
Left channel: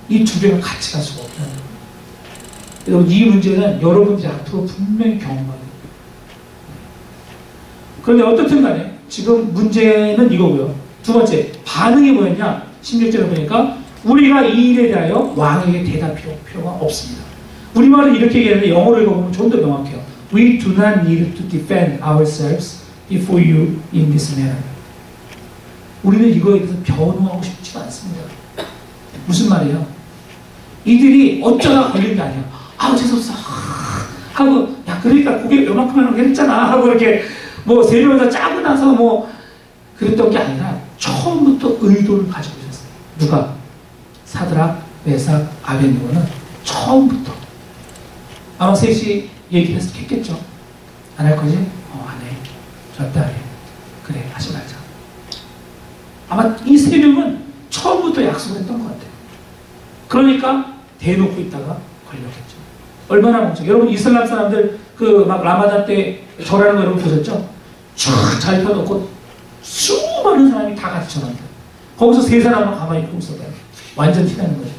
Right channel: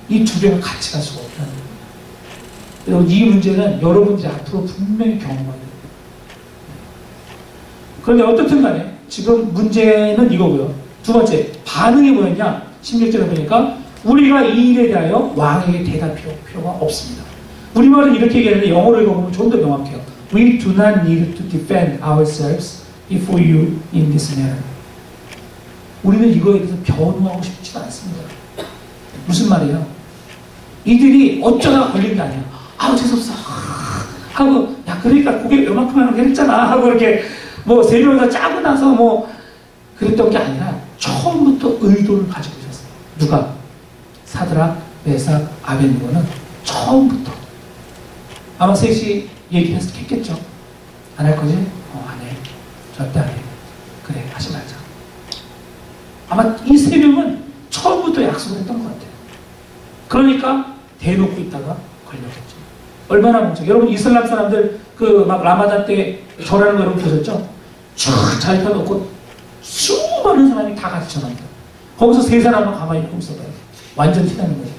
이 두 개가 같이 갈 수가 없다는 거예요. 여러분, 이 문제는 여러분들이 앞으로 분명히 경험해야 돼요. 그런데 어떻든 간에 지금 문제는 이거고요. 두 번째, 반응이 뭐였냐? 16절에 보니까 우리가 이 일에 대하여 왕에게 대답할 필요가 없습니다. 우리말은 이렇게 얘기하는데 영어로 읽어보면 좀 더 명확해요. We do not need to defend ourselves before you in this matter. 우리는 이거에 대해서 변호하고 싶지가 않습니다. 무슨 말이에요? 이들이 어쩌다 걸린 게 아니야. 재수없어. 하고, 야, 그러니까 그게 요만큼 하는 게 했잖아. 하고 이렇게 뭐 세 명이서 짜고 나서 뭐 그랬던 게 아니라 처음부터 의도를 가지고 있었어요. 누가? 사드락, 메삭, 아벳느고는 처음부터. 아마 셋이 얘기했겠죠. 안 할 거지? 안 해. 절대 안 해. 그래, 하지 말자. 아마 이 세 명은 처음부터 약속을 했던 것 같아요. 그러니까 대놓고 있다가 걸렸겠죠. 얼마나 멍청. 여러분 이슬람 사람들 그 막 라마단 때 절하는 거 여러분 보셨죠? 쫙 잘 펴놓고 수많은 사람이 다 같이 절한다. 거기서 세 사람은 가만히 있고 있어봐요. 완전 티나는 거죠.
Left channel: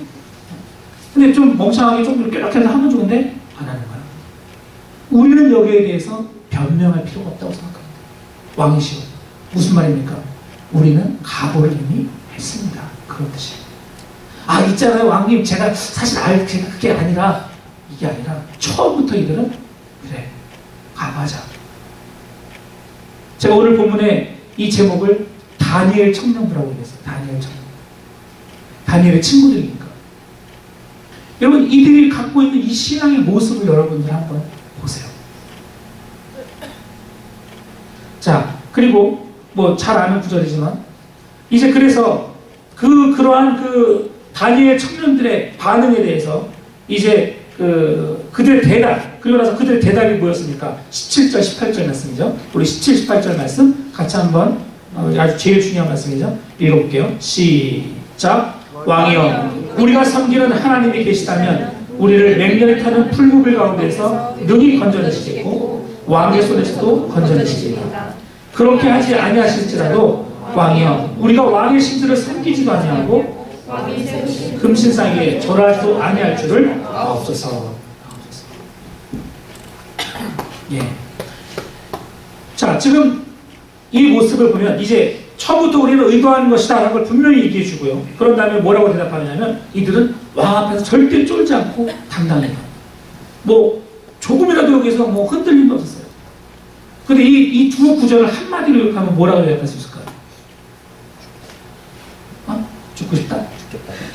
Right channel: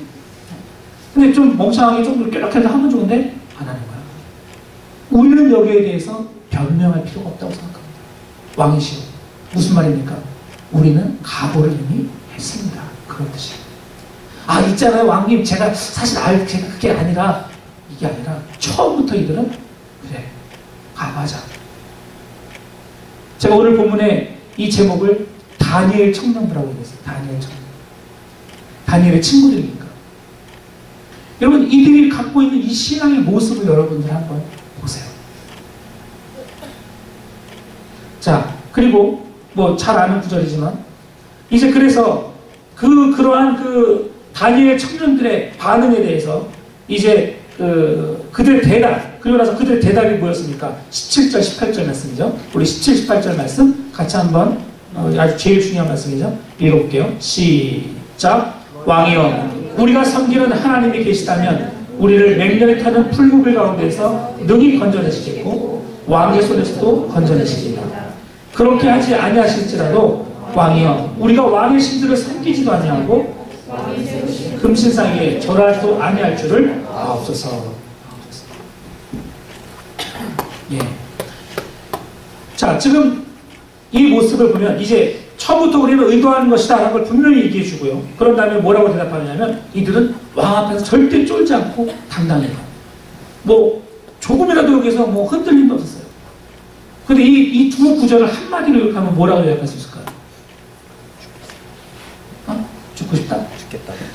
근데 좀 멍청하게 좀 이렇게 해서 하면 좋은데 안 하는 거야. 우리는 여기에 대해서 변명할 필요가 없다고 생각합니다. 왕이시오. 무슨 말입니까? 우리는 각오를 이미 했습니다. 그런 뜻이에요. 있잖아요 왕님, 제가 사실 제가 그게 아니라, 이게 아니라 처음부터 이들은 그래, 가봐자. 제가 오늘 본문에 이 제목을 다니엘 청년부라고 얘기했어요. 다니엘 청년. 다니엘의 친구들이니까. 여러분, 이들이 갖고 있는 이 신앙의 모습을 여러분들 한번 보세요. 자, 그리고 뭐 잘 아는 구절이지만 이제 그래서 그러한 다니엘 청년들의 반응에 대해서 이제 그들의 대답, 그리고 나서 그들의 대답이 뭐였습니까? 17절, 18절 말씀이죠. 우리 17, 18절 말씀 같이 한번 아주 제일 중요한 말씀이죠. 읽어볼게요. 시작. 왕이여, 우리가 섬기는 하나님이 계시다면 우리를 맹렬히 타는 풀무불 가운데서 능히 건져내시겠고 왕의 손에서도 건져내시리라. 그렇게 하지 아니하실지라도 왕이여, 우리가 왕의 신들을 섬기지도 아니하고 금신상에 절하지도 아니할 줄을 아옵소서. 예. 자, 지금 이 모습을 보면 이제 처음부터 우리는 의도하는 것이다 라는 걸 분명히 얘기해 주고요. 그런 다음에 뭐라고 대답하냐면 이들은 왕 앞에서 절대 쫄지 않고 당당해요. 뭐 조금이라도 여기서 뭐 흔들림도 없었어요. 근데 이 두 구절을 한마디로 하면 뭐라고 요약할 수 있을까요? 죽고 싶다?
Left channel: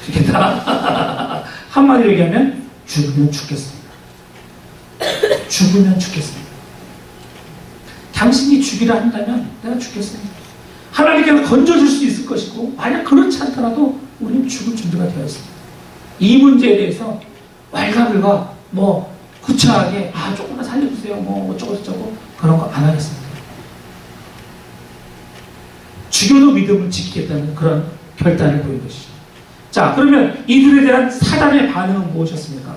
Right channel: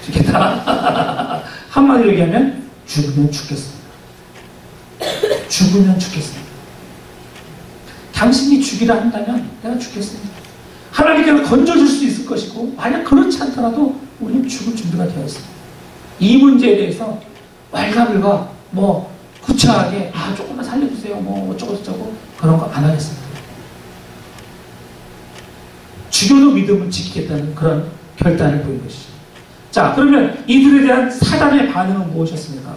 죽겠다. 한마디로 얘기하면 죽으면 죽겠습니다. 죽으면 죽겠습니다. 당신이 죽이라 한다면 내가 죽겠습니다. 하나님께서 건져줄 수 있을 것이고 만약 그렇지 않더라도 우리는 죽을 준비가 되어 있습니다. 이 문제에 대해서 왈가불가 뭐 구차하게 조금만 살려주세요 뭐 어쩌고저쩌고 그런 거 안 하겠습니다. 죽여도 믿음을 지키겠다는 그런 결단을 보인 것이죠. 자, 그러면 이들에 대한 사단의 반응은 무엇이었습니까?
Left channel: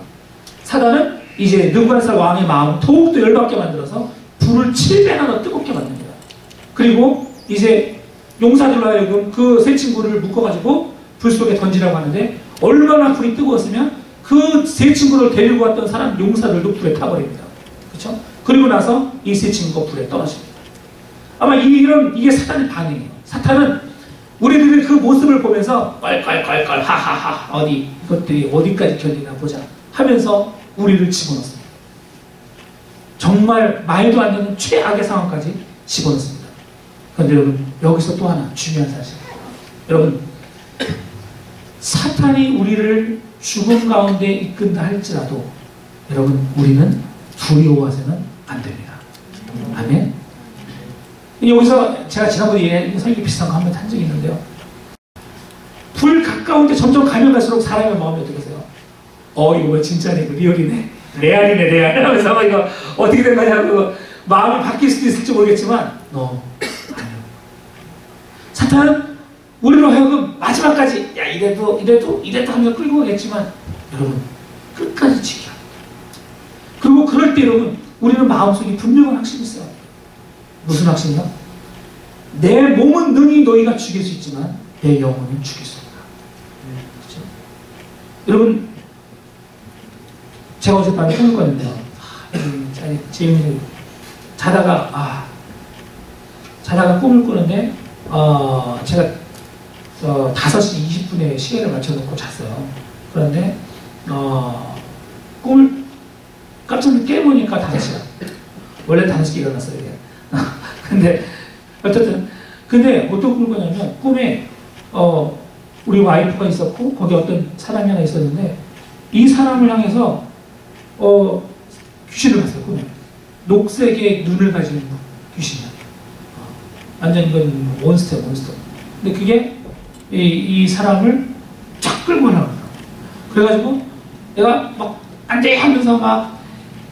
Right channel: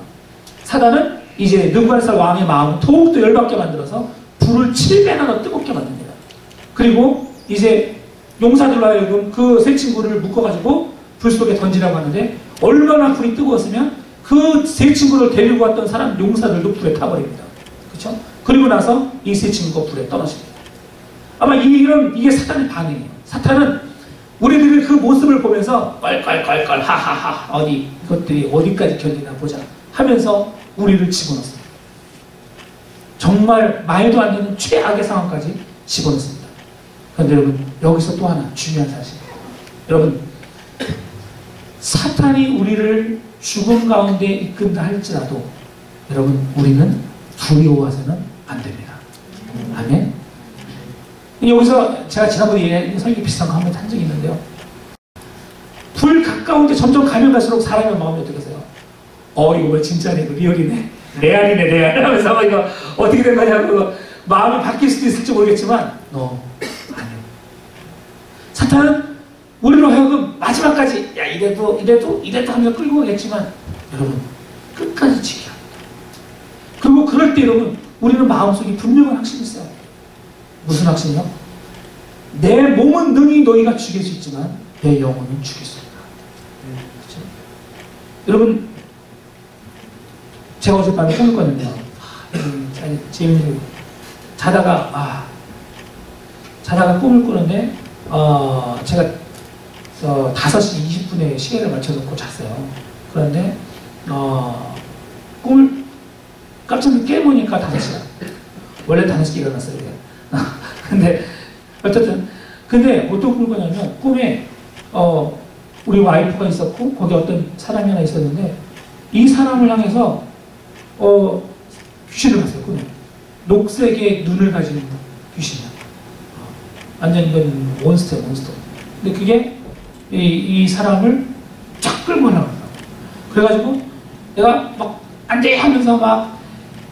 사단은 이제 느부갓네살 왕의 마음을 더욱더 열받게 만들어서 불을 7배나 더 뜨겁게 만듭니다. 그리고 이제 용사들로 하여금 그 세 친구를 묶어가지고 불 속에 던지라고 하는데 얼마나 불이 뜨거웠으면 그 세 친구를 데리고 왔던 사람 용사들도 불에 타버립니다. 그렇죠? 그리고 나서 이 세 친구가 불에 떨어집니다. 아마 이게 사탄의 반응이에요. 사탄은 우리들의 그 모습을 보면서 껄껄껄껄 하하하 이것들이 어디까지 견디나 보자 하면서 우리를 집어넣습니다. 정말 말도 안 되는 최악의 상황까지 집어넣습니다. 그런데 여러분, 여기서 또 하나 중요한 사실. 여러분, 사탄이 우리를 죽음 가운데 이끈다 할지라도 여러분, 우리는 두려워해서는 안 됩니다. 아멘. 여기서 제가 지난번에 설교 비슷한 거 한번 한 적이 있는데요. 불 가까운데 점점 가면 갈수록 사람의 마음이 어떻게 되세요? 이거 진짜네, 이거 리얼이네, 레알이네, 레알 하면서 이거 어떻게 된 거냐고 마음이 바뀔 수도 있을지 모르겠지만 아니요. 사탄은 우리로 하여금 마지막까지 야 이래도 하면서 끌고 가겠지만 여러분 끝까지 지켜야 합니다. 그리고 그럴 때 여러분 우리는 마음속에 분명한 확신이 있어야 돼요. 무슨 확신이요? 내 몸은 능히 너희가 죽일 수 있지만 내 영혼은 죽일 수 없다. 그렇죠? 여러분 제가 어젯밤에 꿈을 꿨는데요. 재밌는 자다가 꿈을 꾸는데 제가 5시 20분에 시계를 맞춰놓고 잤어요. 그런데 꿈을 깜짝 깨보니까 5시야. 원래 5시에 일어났어요. 근데 어쨌든 근데 어떤 꿈을 꿨냐면 꿈에 우리 와이프가 있었고 거기 어떤 사람이 하나 있었는데 이 사람을 향해서 귀신을 봤어요. 꿈에 녹색의 눈을 가진 귀신이야. 완전 이건 몬스터야, 몬스터. 근데 그게 이 사람을 쫙 끌고 나가더라고. 그래가지고 내가 막 안돼 하면서 막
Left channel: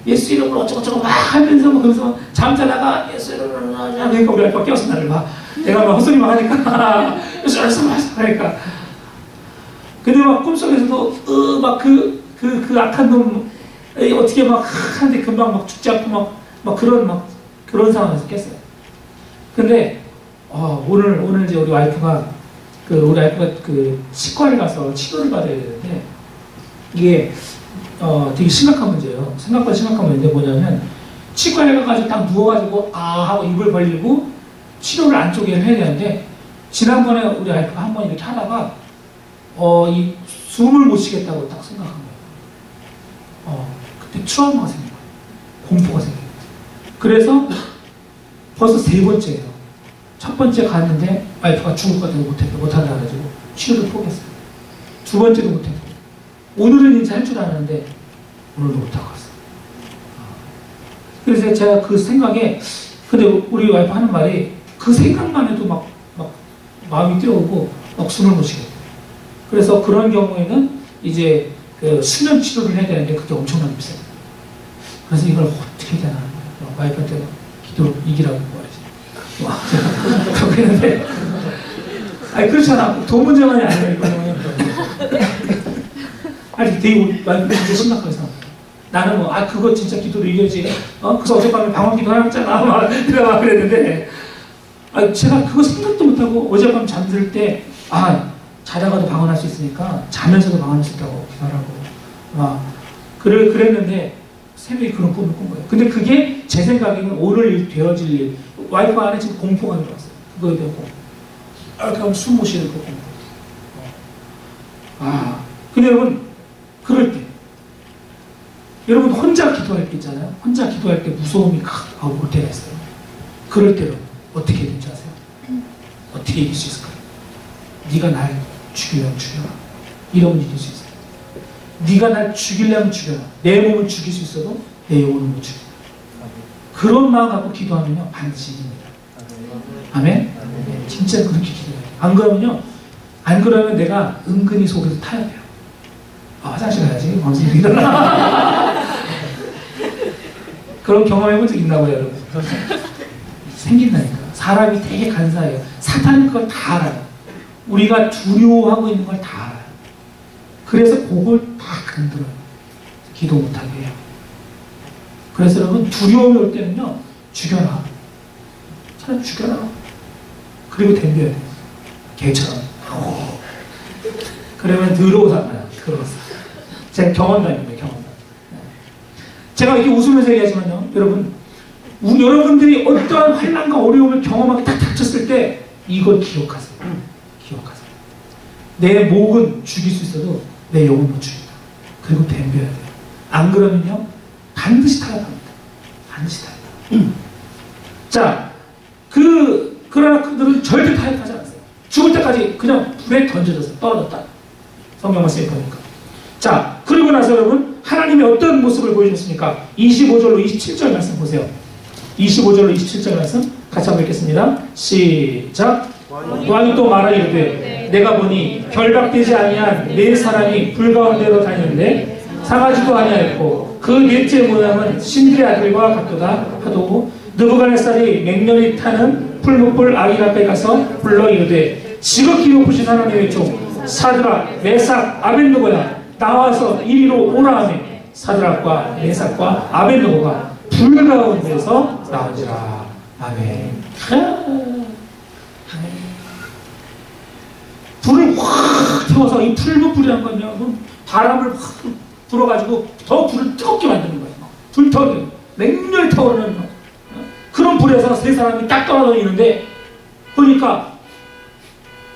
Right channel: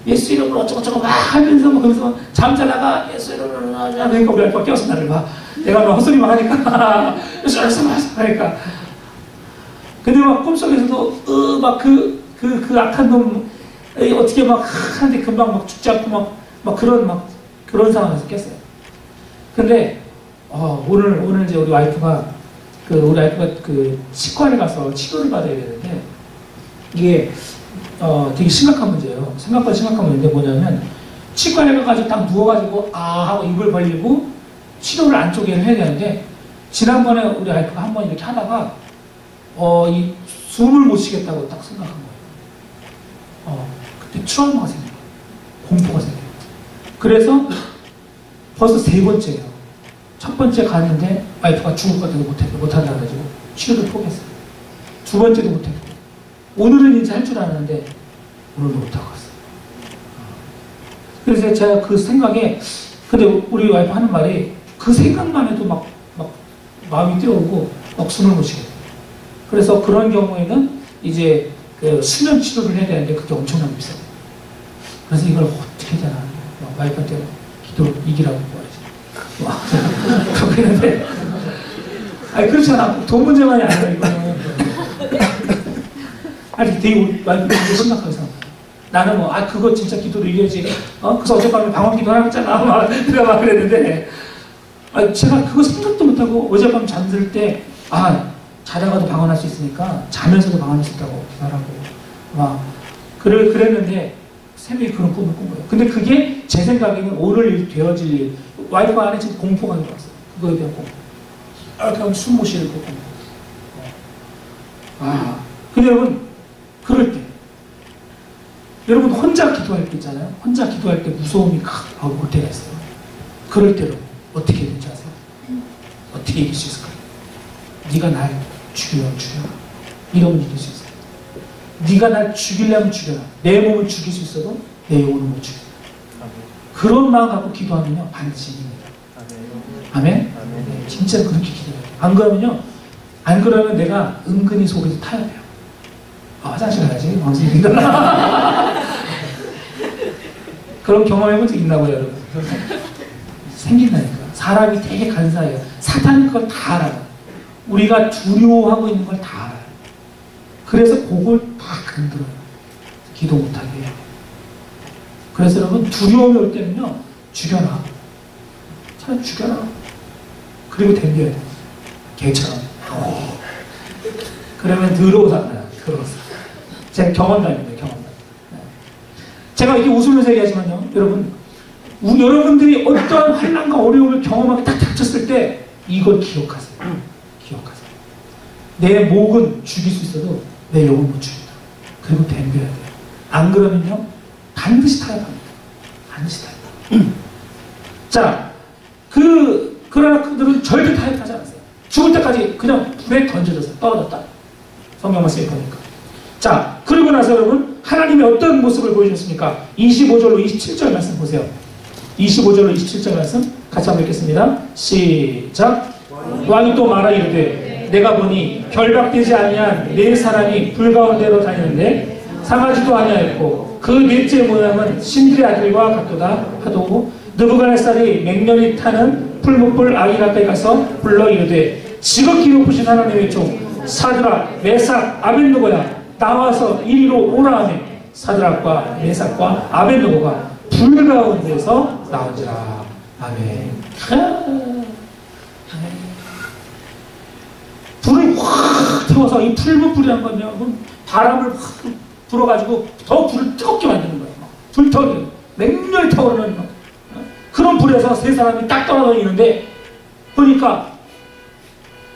예수 이름으로 어쩌고저쩌고 막 하면서 막 그러면서 잠자다가 예수 이름으로 하니까 우리 아이가 깨웠어 나를 막 내가 막 헛소리만 하니까 예수 이름으로 하니까 근데 막 꿈속에서도 막 그 악한 놈 어떻게 막 하는데 금방 막 죽지 않고 막 그런 상황에서 깼어요. 근데 오늘 이제 우리 와이프가 그 치과에 가서 치료를 받아야 되는데 이게 되게 심각한 문제예요. 생각보다 심각한 문제인데 뭐냐면 치과에 가가지고 딱 누워가지고 하고 입을 벌리고 치료를 안쪽에 해야 되는데 지난번에 우리 와이프가 한 번 이렇게 하다가 이 숨을 못 쉬겠다고 딱 생각한 거예요. 그때 트라우마가 생긴 거예요. 공포가 생긴 거예요. 그래서 벌써 3번째예요. 첫 번째 갔는데 와이프가 죽을 것 같아서 못한다 그래가지고 치료를 포기했어요. 2번째도 못했고 오늘은 이제 할 줄 알았는데 오늘도 못하고 왔어요. 그래서 제가 그 생각에 근데 우리 와이프 하는 말이 그 생각만 해도 막 마음이 뛰어오고 막 숨을 못 쉬겠어요. 그래서 그런 경우에는 이제 그 수면 치료를 해야 되는데 그게 엄청나게 비싸요. 그래서 이걸 어떻게 해야 되나 와이프한테 기도로 이기라고 뭐하지. 그렇게 했는데 아니 그렇잖아. 돈 문제만이 아니라 이거는 아니 되게 와이프가 되게 심각하게 생각해요. 나는 그거 진짜 기도로 이겨야지. 그래서 어젯밤에 방언 기도 하잖아. 막 그랬는데 제가 그거 생각도 못하고 어젯밤 잠들 때 자다가도 방언할 수 있으니까 자면서도 방언할 수 있다고 기도하라고 그랬는데 새벽에 그런 꿈을 꾼 거예요. 근데 그게 제 생각에는 오늘 되어질 일 와이프 안에 지금 공포가 들어왔어요. 그거에 대한 공포. 그럼 숨 못 쉬는 그 공포. 근데 여러분 그럴 때 여러분 혼자 기도할 때 있잖아요. 혼자 기도할 때 무서움이 올 때가 있어요. 그럴 때는 어떻게 해야 되는지 아세요? 어떻게 이길 수 있을까요? 네가 날 죽이려면 죽여라. 이러면 이길 수 있어요. 네가 날 죽이려면 죽여라. 내 몸을 죽일 수 있어도 내 영혼은 못 죽인다. 그런 마음 갖고 기도하면요 반드시 이깁니다. 아멘? 네, 진짜 그렇게 기도해요. 안 그러면 내가 은근히 속에서 타야 돼요. 화장실 가야지. 그런 경험해본 적 있나 봐요, 여러분. 생긴다니까. 사람이 되게 간사해요. 사탄이 그걸 다 알아요. 우리가 두려워하고 있는 걸 다 알아요. 그래서 그걸 다 건드려요. 기도 못하게 해요. 그래서 여러분 두려움이 올 때는요 죽여라. 차라리 죽여라. 그리고 덤벼야 돼요. 개처럼. 그러면 더러워서 제가 경험담입니다. 제가 이렇게 웃으면서 얘기하지만요 여러분 여러분들이 어떠한 환난과 어려움을 경험하게 딱 닥쳤을 때 이걸 기억하세요. 기억하세요. 내 목은 죽일 수 있어도 내 영은 못 죽인다. 그리고 덤벼야 돼요. 안 그러면요 반드시 타협합니다. 반드시 타협합니다. 자, 그러나 그들은 절대 타협하지 않았어요. 죽을 때까지 그냥 불에 던져졌어요. 떨어졌다. 성경 말씀에 보니까. 자, 그리고 나서 여러분 하나님이 어떤 모습을 보여주셨습니까? 25절로 27절 말씀 보세요. 25절로 27절 말씀 같이 한번 읽겠습니다. 시작. 왕이 또 말하기를 내가 보니 결박되지 아니한 네 사람이 불 가운데로 다니는데 상하지도 아니하였고 그 넷째 모양은 신들의 아들과 같도다 하도 느부갓네살이 맹렬히 타는 풀무불 아기 앞에 가서 불러 이르되 지극히 높으신 하나님의 종 사드락 메삭 아벳느고야 나와서 이리로 오라 하며 사드락과 메삭과 아벳느고가 불 가운데서 나오지라. 아멘. 불을 확 태워서 이 풀무불이란 건요 바람을 확 불어가지고 더 불을 뜨겁게 만드는 거예요. 불타오르는 맹렬히 타오르는 그런 불에서 세 사람이 딱 떨어지는데 보니까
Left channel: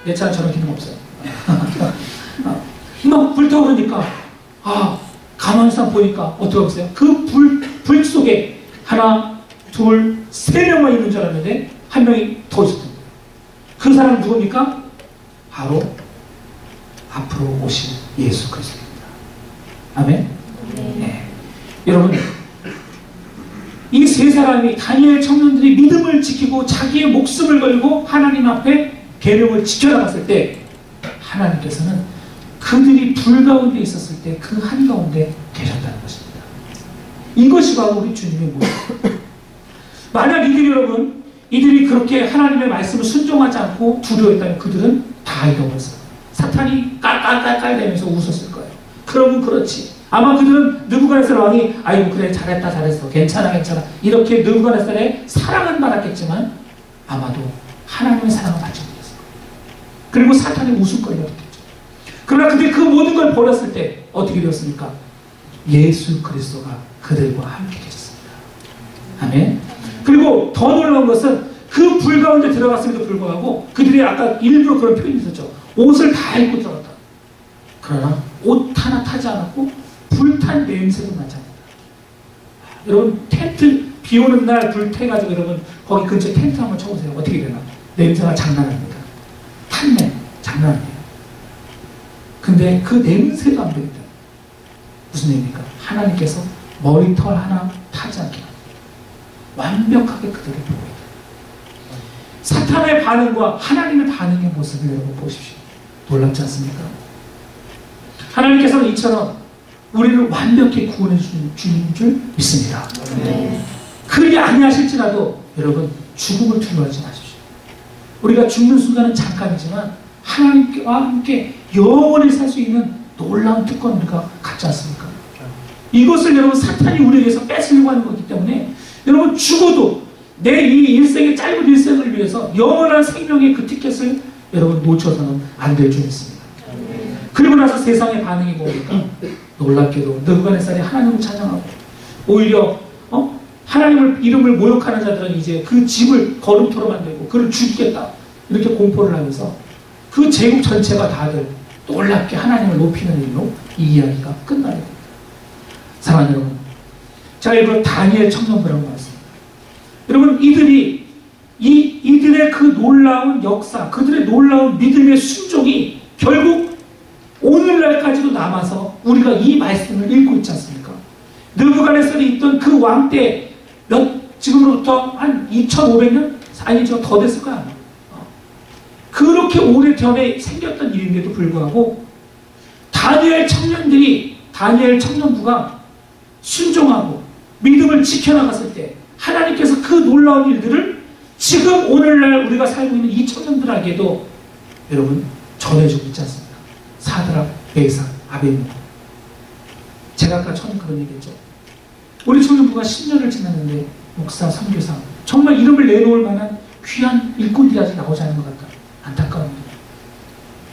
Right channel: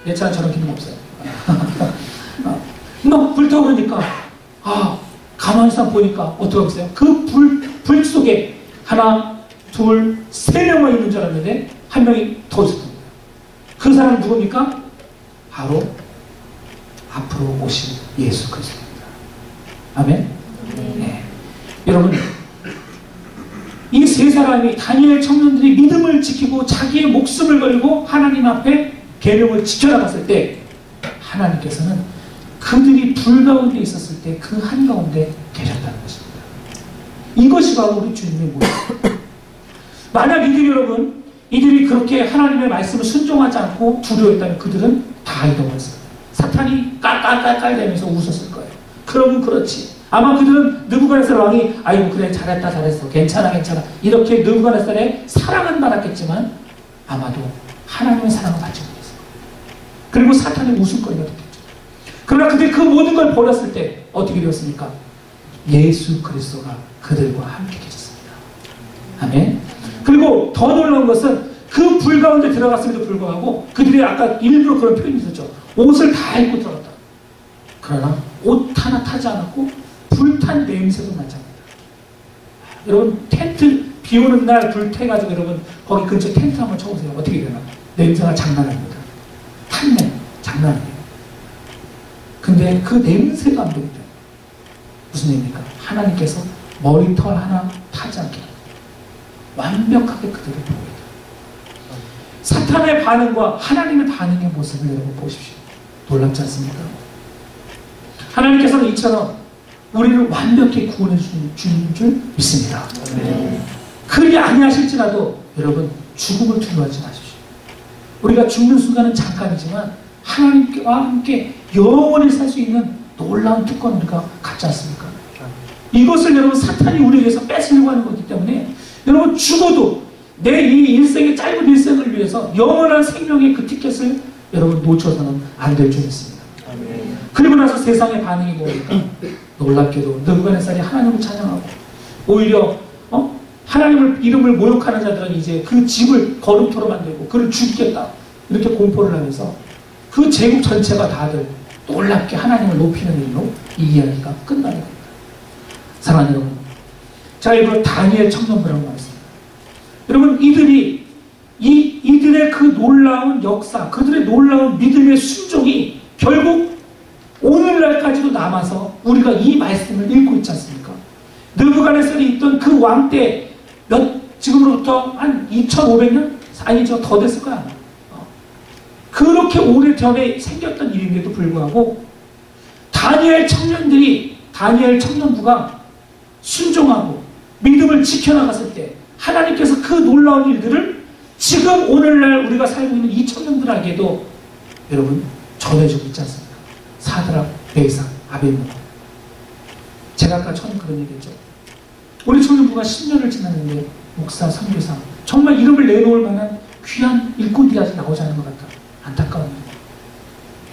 내 차는 저런 기능 없어요. 막 불타오르니까 가만히 있어 보니까 어떻게 보세요? 그 불 속에 하나, 둘, 세 명만 있는 줄 알았는데 한 명이 더 있었던 거예요. 그 사람은 누굽니까? 바로 앞으로 오신 예수 그리스도입니다. 아멘? 네. 여러분 이 세 사람이 다니엘 청년들이 믿음을 지키고 자기의 목숨을 걸고 하나님 앞에 계명을 지켜나갔을 때 하나님께서는 그들이 불 가운데 있었을 때 그 한가운데 계셨다는 것입니다. 이것이 바로 우리 주님의 모습입니다. 만약 이들이 그렇게 하나님의 말씀을 순종하지 않고 두려워했다면 그들은 다 잃어버렸어요. 사탄이 깔깔깔깔 대면서 웃었을 거예요. 그러면 그렇지. 아마 그들은 느부갓네살 왕이 아이고 그래 잘했어 괜찮아 이렇게 느부갓네살의 사랑은 받았겠지만 아마도 하나님의 사랑을 받지 못했을 거예요. 그리고 사탄의 웃음거리가 됐겠죠. 그러나 그들이 그 모든 걸 버렸을 때 어떻게 되었습니까? 예수 그리스도가 그들과 함께 계셨습니다. 아멘. 그리고 더 놀라운 것은 그 불 가운데 들어갔음에도 불구하고 그들이 아까 일부러 그런 표현이 있었죠. 옷을 다 입고 들어갔다. 그러나 옷 하나 타지 않았고 불탄 냄새도 나지 않는다. 여러분 텐트 비 오는 날 불 태가지고 여러분 거기 근처 텐트 한번 쳐보세요. 어떻게 되나? 냄새가 장난 아닙니다. 탄냄 장난 아니에요. 근데 그 냄새가 안 됩니다. 무슨 얘기입니까? 하나님께서 머리털 하나 타지 않게 완벽하게 그들을 보고 있다. 사탄의 반응과 하나님의 반응의 모습을 여러분 보십시오. 놀랍지 않습니까? 하나님께서는 이처럼 우리를 완벽히 구원해 주는 줄 믿습니다. 그리 아니하실지라도 여러분 죽음을 두려워하지 마십시오. 우리가 죽는 순간은 잠깐이지만 하나님과 함께 영원히 살 수 있는 놀라운 특권을 우리가 갖지 않습니까? 이것을 여러분 사탄이 우리에게서 뺏으려고 하는 거기 때문에 여러분 죽어도 내 이 일생의 짧은 일생을 위해서 영원한 생명의 그 티켓을 여러분 놓쳐서는 안 될 줄 믿습니다. 그리고 나서 세상의 반응이 뭡니까? 놀랍게도 느부갓네살이 하나님을 찬양하고 오히려 하나님을 이름을 모욕하는 자들은 이제 그 집을 거름토로 만들고 그를 죽이겠다 이렇게 공포를 하면서 그 제국 전체가 다들 놀랍게 하나님을 높이는 일로 이 이야기가 끝나게 됩니다. 사랑하는 여러분, 자 이걸 다니엘 청년부라고 말했습니다. 여러분 이들의 그 놀라운 역사, 그들의 놀라운 믿음의 순종이 결국 오늘날까지도 남아서 우리가 이 말씀을 읽고 있지 않습니까? 느부갓네살이 있던 그 왕 때 지금으로부터 한 2500년? 아니죠, 더 됐을 거야. 그렇게 오래전에 생겼던 일인데도 불구하고 다니엘 청년부가 순종하고 믿음을 지켜나갔을 때 하나님께서 그 놀라운 일들을 지금 오늘날 우리가 살고 있는 이 청년들에게도 여러분 전해주고 있지 않습니까? 사드락, 메삭, 아벳느고. 제가 아까 처음에 그런 얘기했죠. 우리 청년부가 10년을 지났는데 목사, 선교사 정말 이름을 내놓을 만한 귀한 일꾼들이 아직 나오지 않은 것 같다. 안타까웁니다.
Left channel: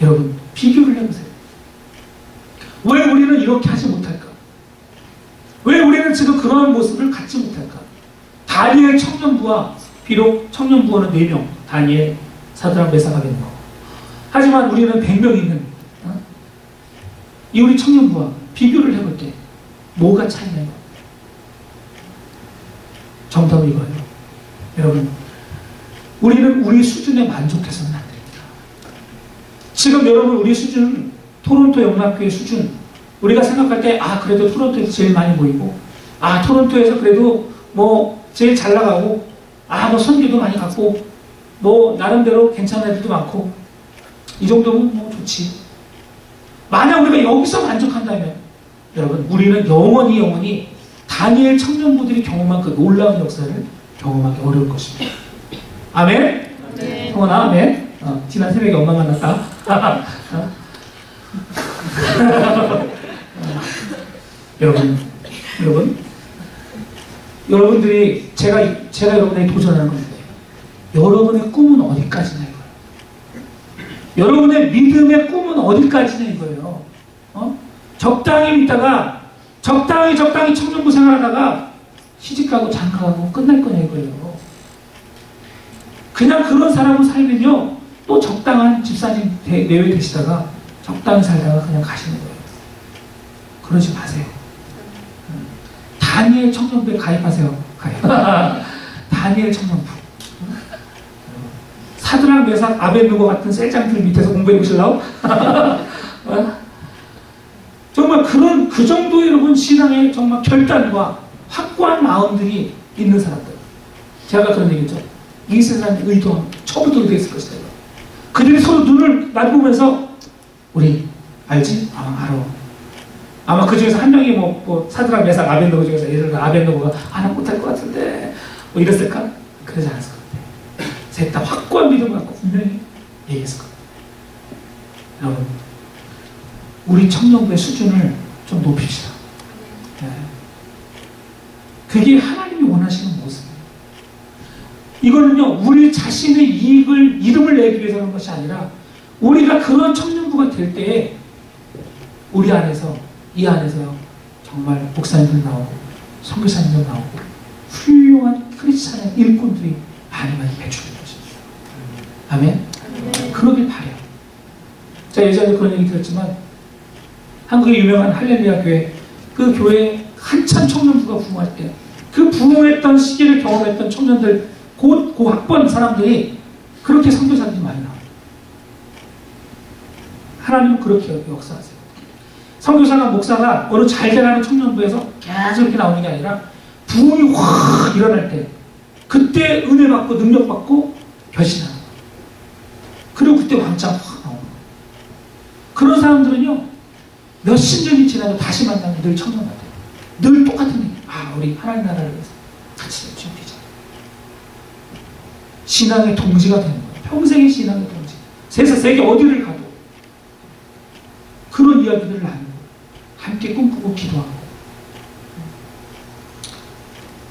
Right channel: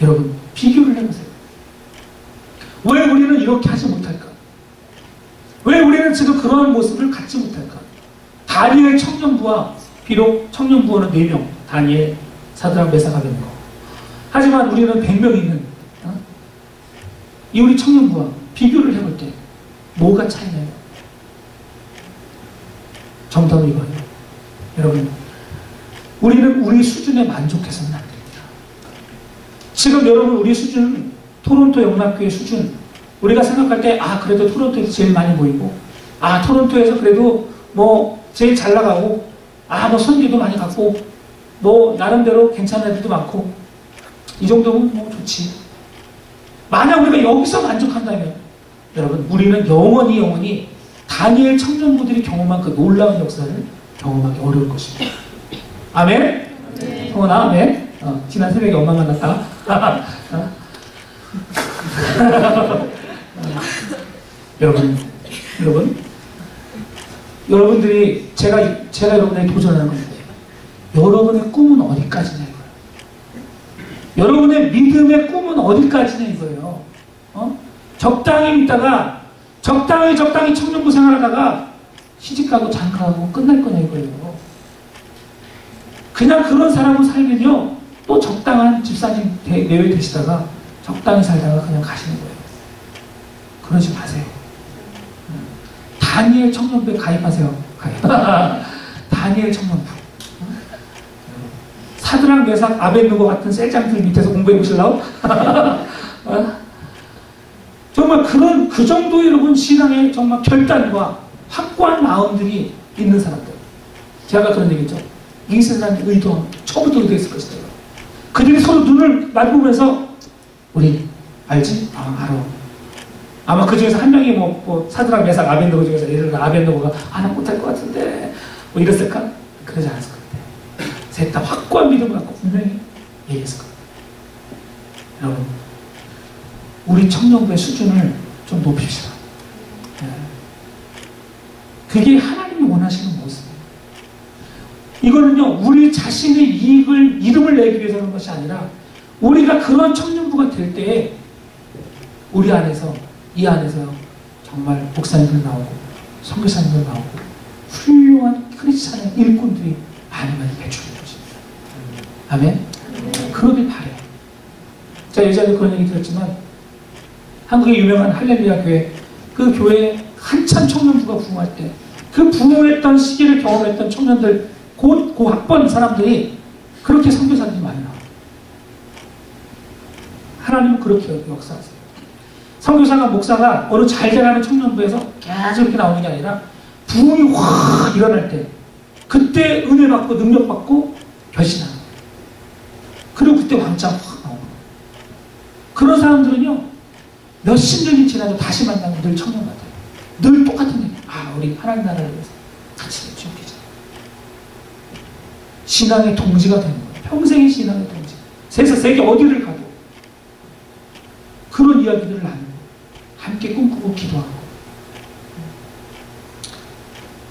여러분 비교를 해보세요. 왜 우리는 이렇게 하지 못할까? 왜 우리는 지금 그러한 모습을 갖지 못할까? 다니엘 청년부와 비록 청년부원은 4명 다니엘, 사드락, 메삭, 아벳느고. 하지만 우리는 100명 있는 이 우리 청년부와 비교를 해볼 때 뭐가 차이나요? 정답은 이거예요. 여러분 우리는 우리 수준에 만족해서는 안 됩니다. 지금 여러분 우리 수준은 토론토 영락교회 수준, 우리가 생각할 때 그래도 토론토에서 제일 많이 모이고 토론토에서 그래도 뭐 제일 잘 나가고 뭐 선교도 많이 갖고 뭐 나름대로 괜찮은 애들도 많고 이 정도면 뭐 좋지. 만약 우리가 여기서 만족한다면 여러분, 우리는 영원히 다니엘 청년부들이 경험한 그 놀라운 역사를 경험하기 어려울 것입니다. 아멘? 네. 성원아, 아멘? 지난 새벽에 엄마 만났다. 여러분들이 제가 여러분에게 도전하는 겁니다. 여러분의 꿈은 어디까지냐 이거예요. 여러분의 믿음의 꿈은 어디까지냐 이거예요. 적당히 믿다가 적당히 청년부 생활하다가 시집가고 장가가고 끝날 거냐 이거예요. 그냥 그런 사람으로 살면요, 또 적당한 집사님 내외 되시다가 적당히 살다가 그냥 가시는 거예요. 그러지 마세요. 다니엘 청년부에 가입하세요. 다니엘 청년부. 사드락, 메삭, 아벤누고 같은 셀장들 밑에서 공부해 보실라고? 정말 그 정도의 여러분 신앙의 정말 결단과 확고한 마음들이 있는 사람들. 제가 그런 얘기죠. 이 세상의 의도는 처음부터 의도했을 것이다. 그들이 서로 눈을 마주보면서 우리 알지? 알아. 아마 그 중에서 한 명이 뭐 사드락, 메삭, 아벤누고 중에서 예를 들어 아벤누고가 나 못할 것 같은데 뭐 이랬을까? 그러지 않았을 것 같아요. 셋 다 확고한 믿음을 갖고 분명히 얘기했을 것 같아요. 여러분, 우리 청년부의 수준을 좀 높입시다. 네. 그게 하나님이 원하시는 모습이에요. 이거는요, 우리 자신의 이름을 내기 위해서 하는 것이 아니라 우리가 그런 청년부가 될 때에 우리 안에서, 이 안에서요, 정말 목사님들 나오고 선교사님들 나오고 훌륭한 크리스찬의 일꾼들이 많이 배출될 것입니다. 아멘? 그러길 바래요. 제가 예전에 그런 얘기 들었지만 한국의 유명한 할렐루야 교회, 그 교회에 한참 청년부가 부흥할 때 그 부흥했던 시기를 경험했던 청년들, 그 학번 사람들이 그렇게 선교사들이 많이 나와요. 하나님은 그렇게 역사하세요. 선교사가, 목사가 어느 잘 되라는 청년부에서 계속 이렇게 나오는 게 아니라 부흥이 확 일어날 때 그때 은혜 받고 능력 받고 변신하는 거예요. 그리고 그때 왕창 확 나오는 거예요. 그런 사람들은요, 몇십 년이 지나도 다시 만나면 늘 청년 같아요. 늘 똑같은 얘기. 우리 하나님 나라를 위해서 같이 준비자. 신앙의 동지가 되는 거예요. 평생의 신앙의 동지. 세계 어디를 가도 그런 이야기들을 나누는 거예요. 함께 꿈꾸고 기도하고.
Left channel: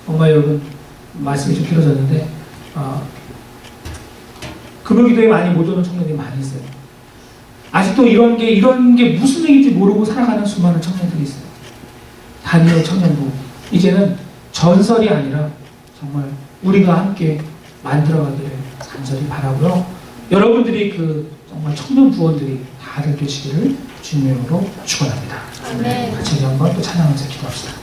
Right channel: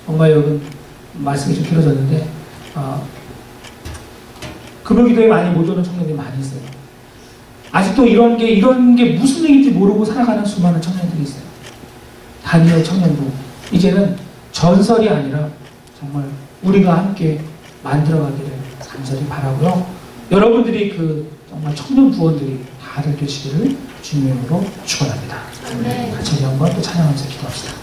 정말 여러분, 말씀이 좀 길어졌는데 금요기도에 많이 못 오는 청년들이 많이 있어요. 아직도 이런 게 무슨 얘기인지 모르고 살아가는 수많은 청년들이 있어요. 다니엘 청년부, 이제는 전설이 아니라 정말 우리가 함께 만들어가기를 간절히 바라고요. 여러분들이 정말 청년 부원들이 다들 되시기를 주님으로 축원합니다. 같이 우리 한번 또 찬양하면서 기도합시다.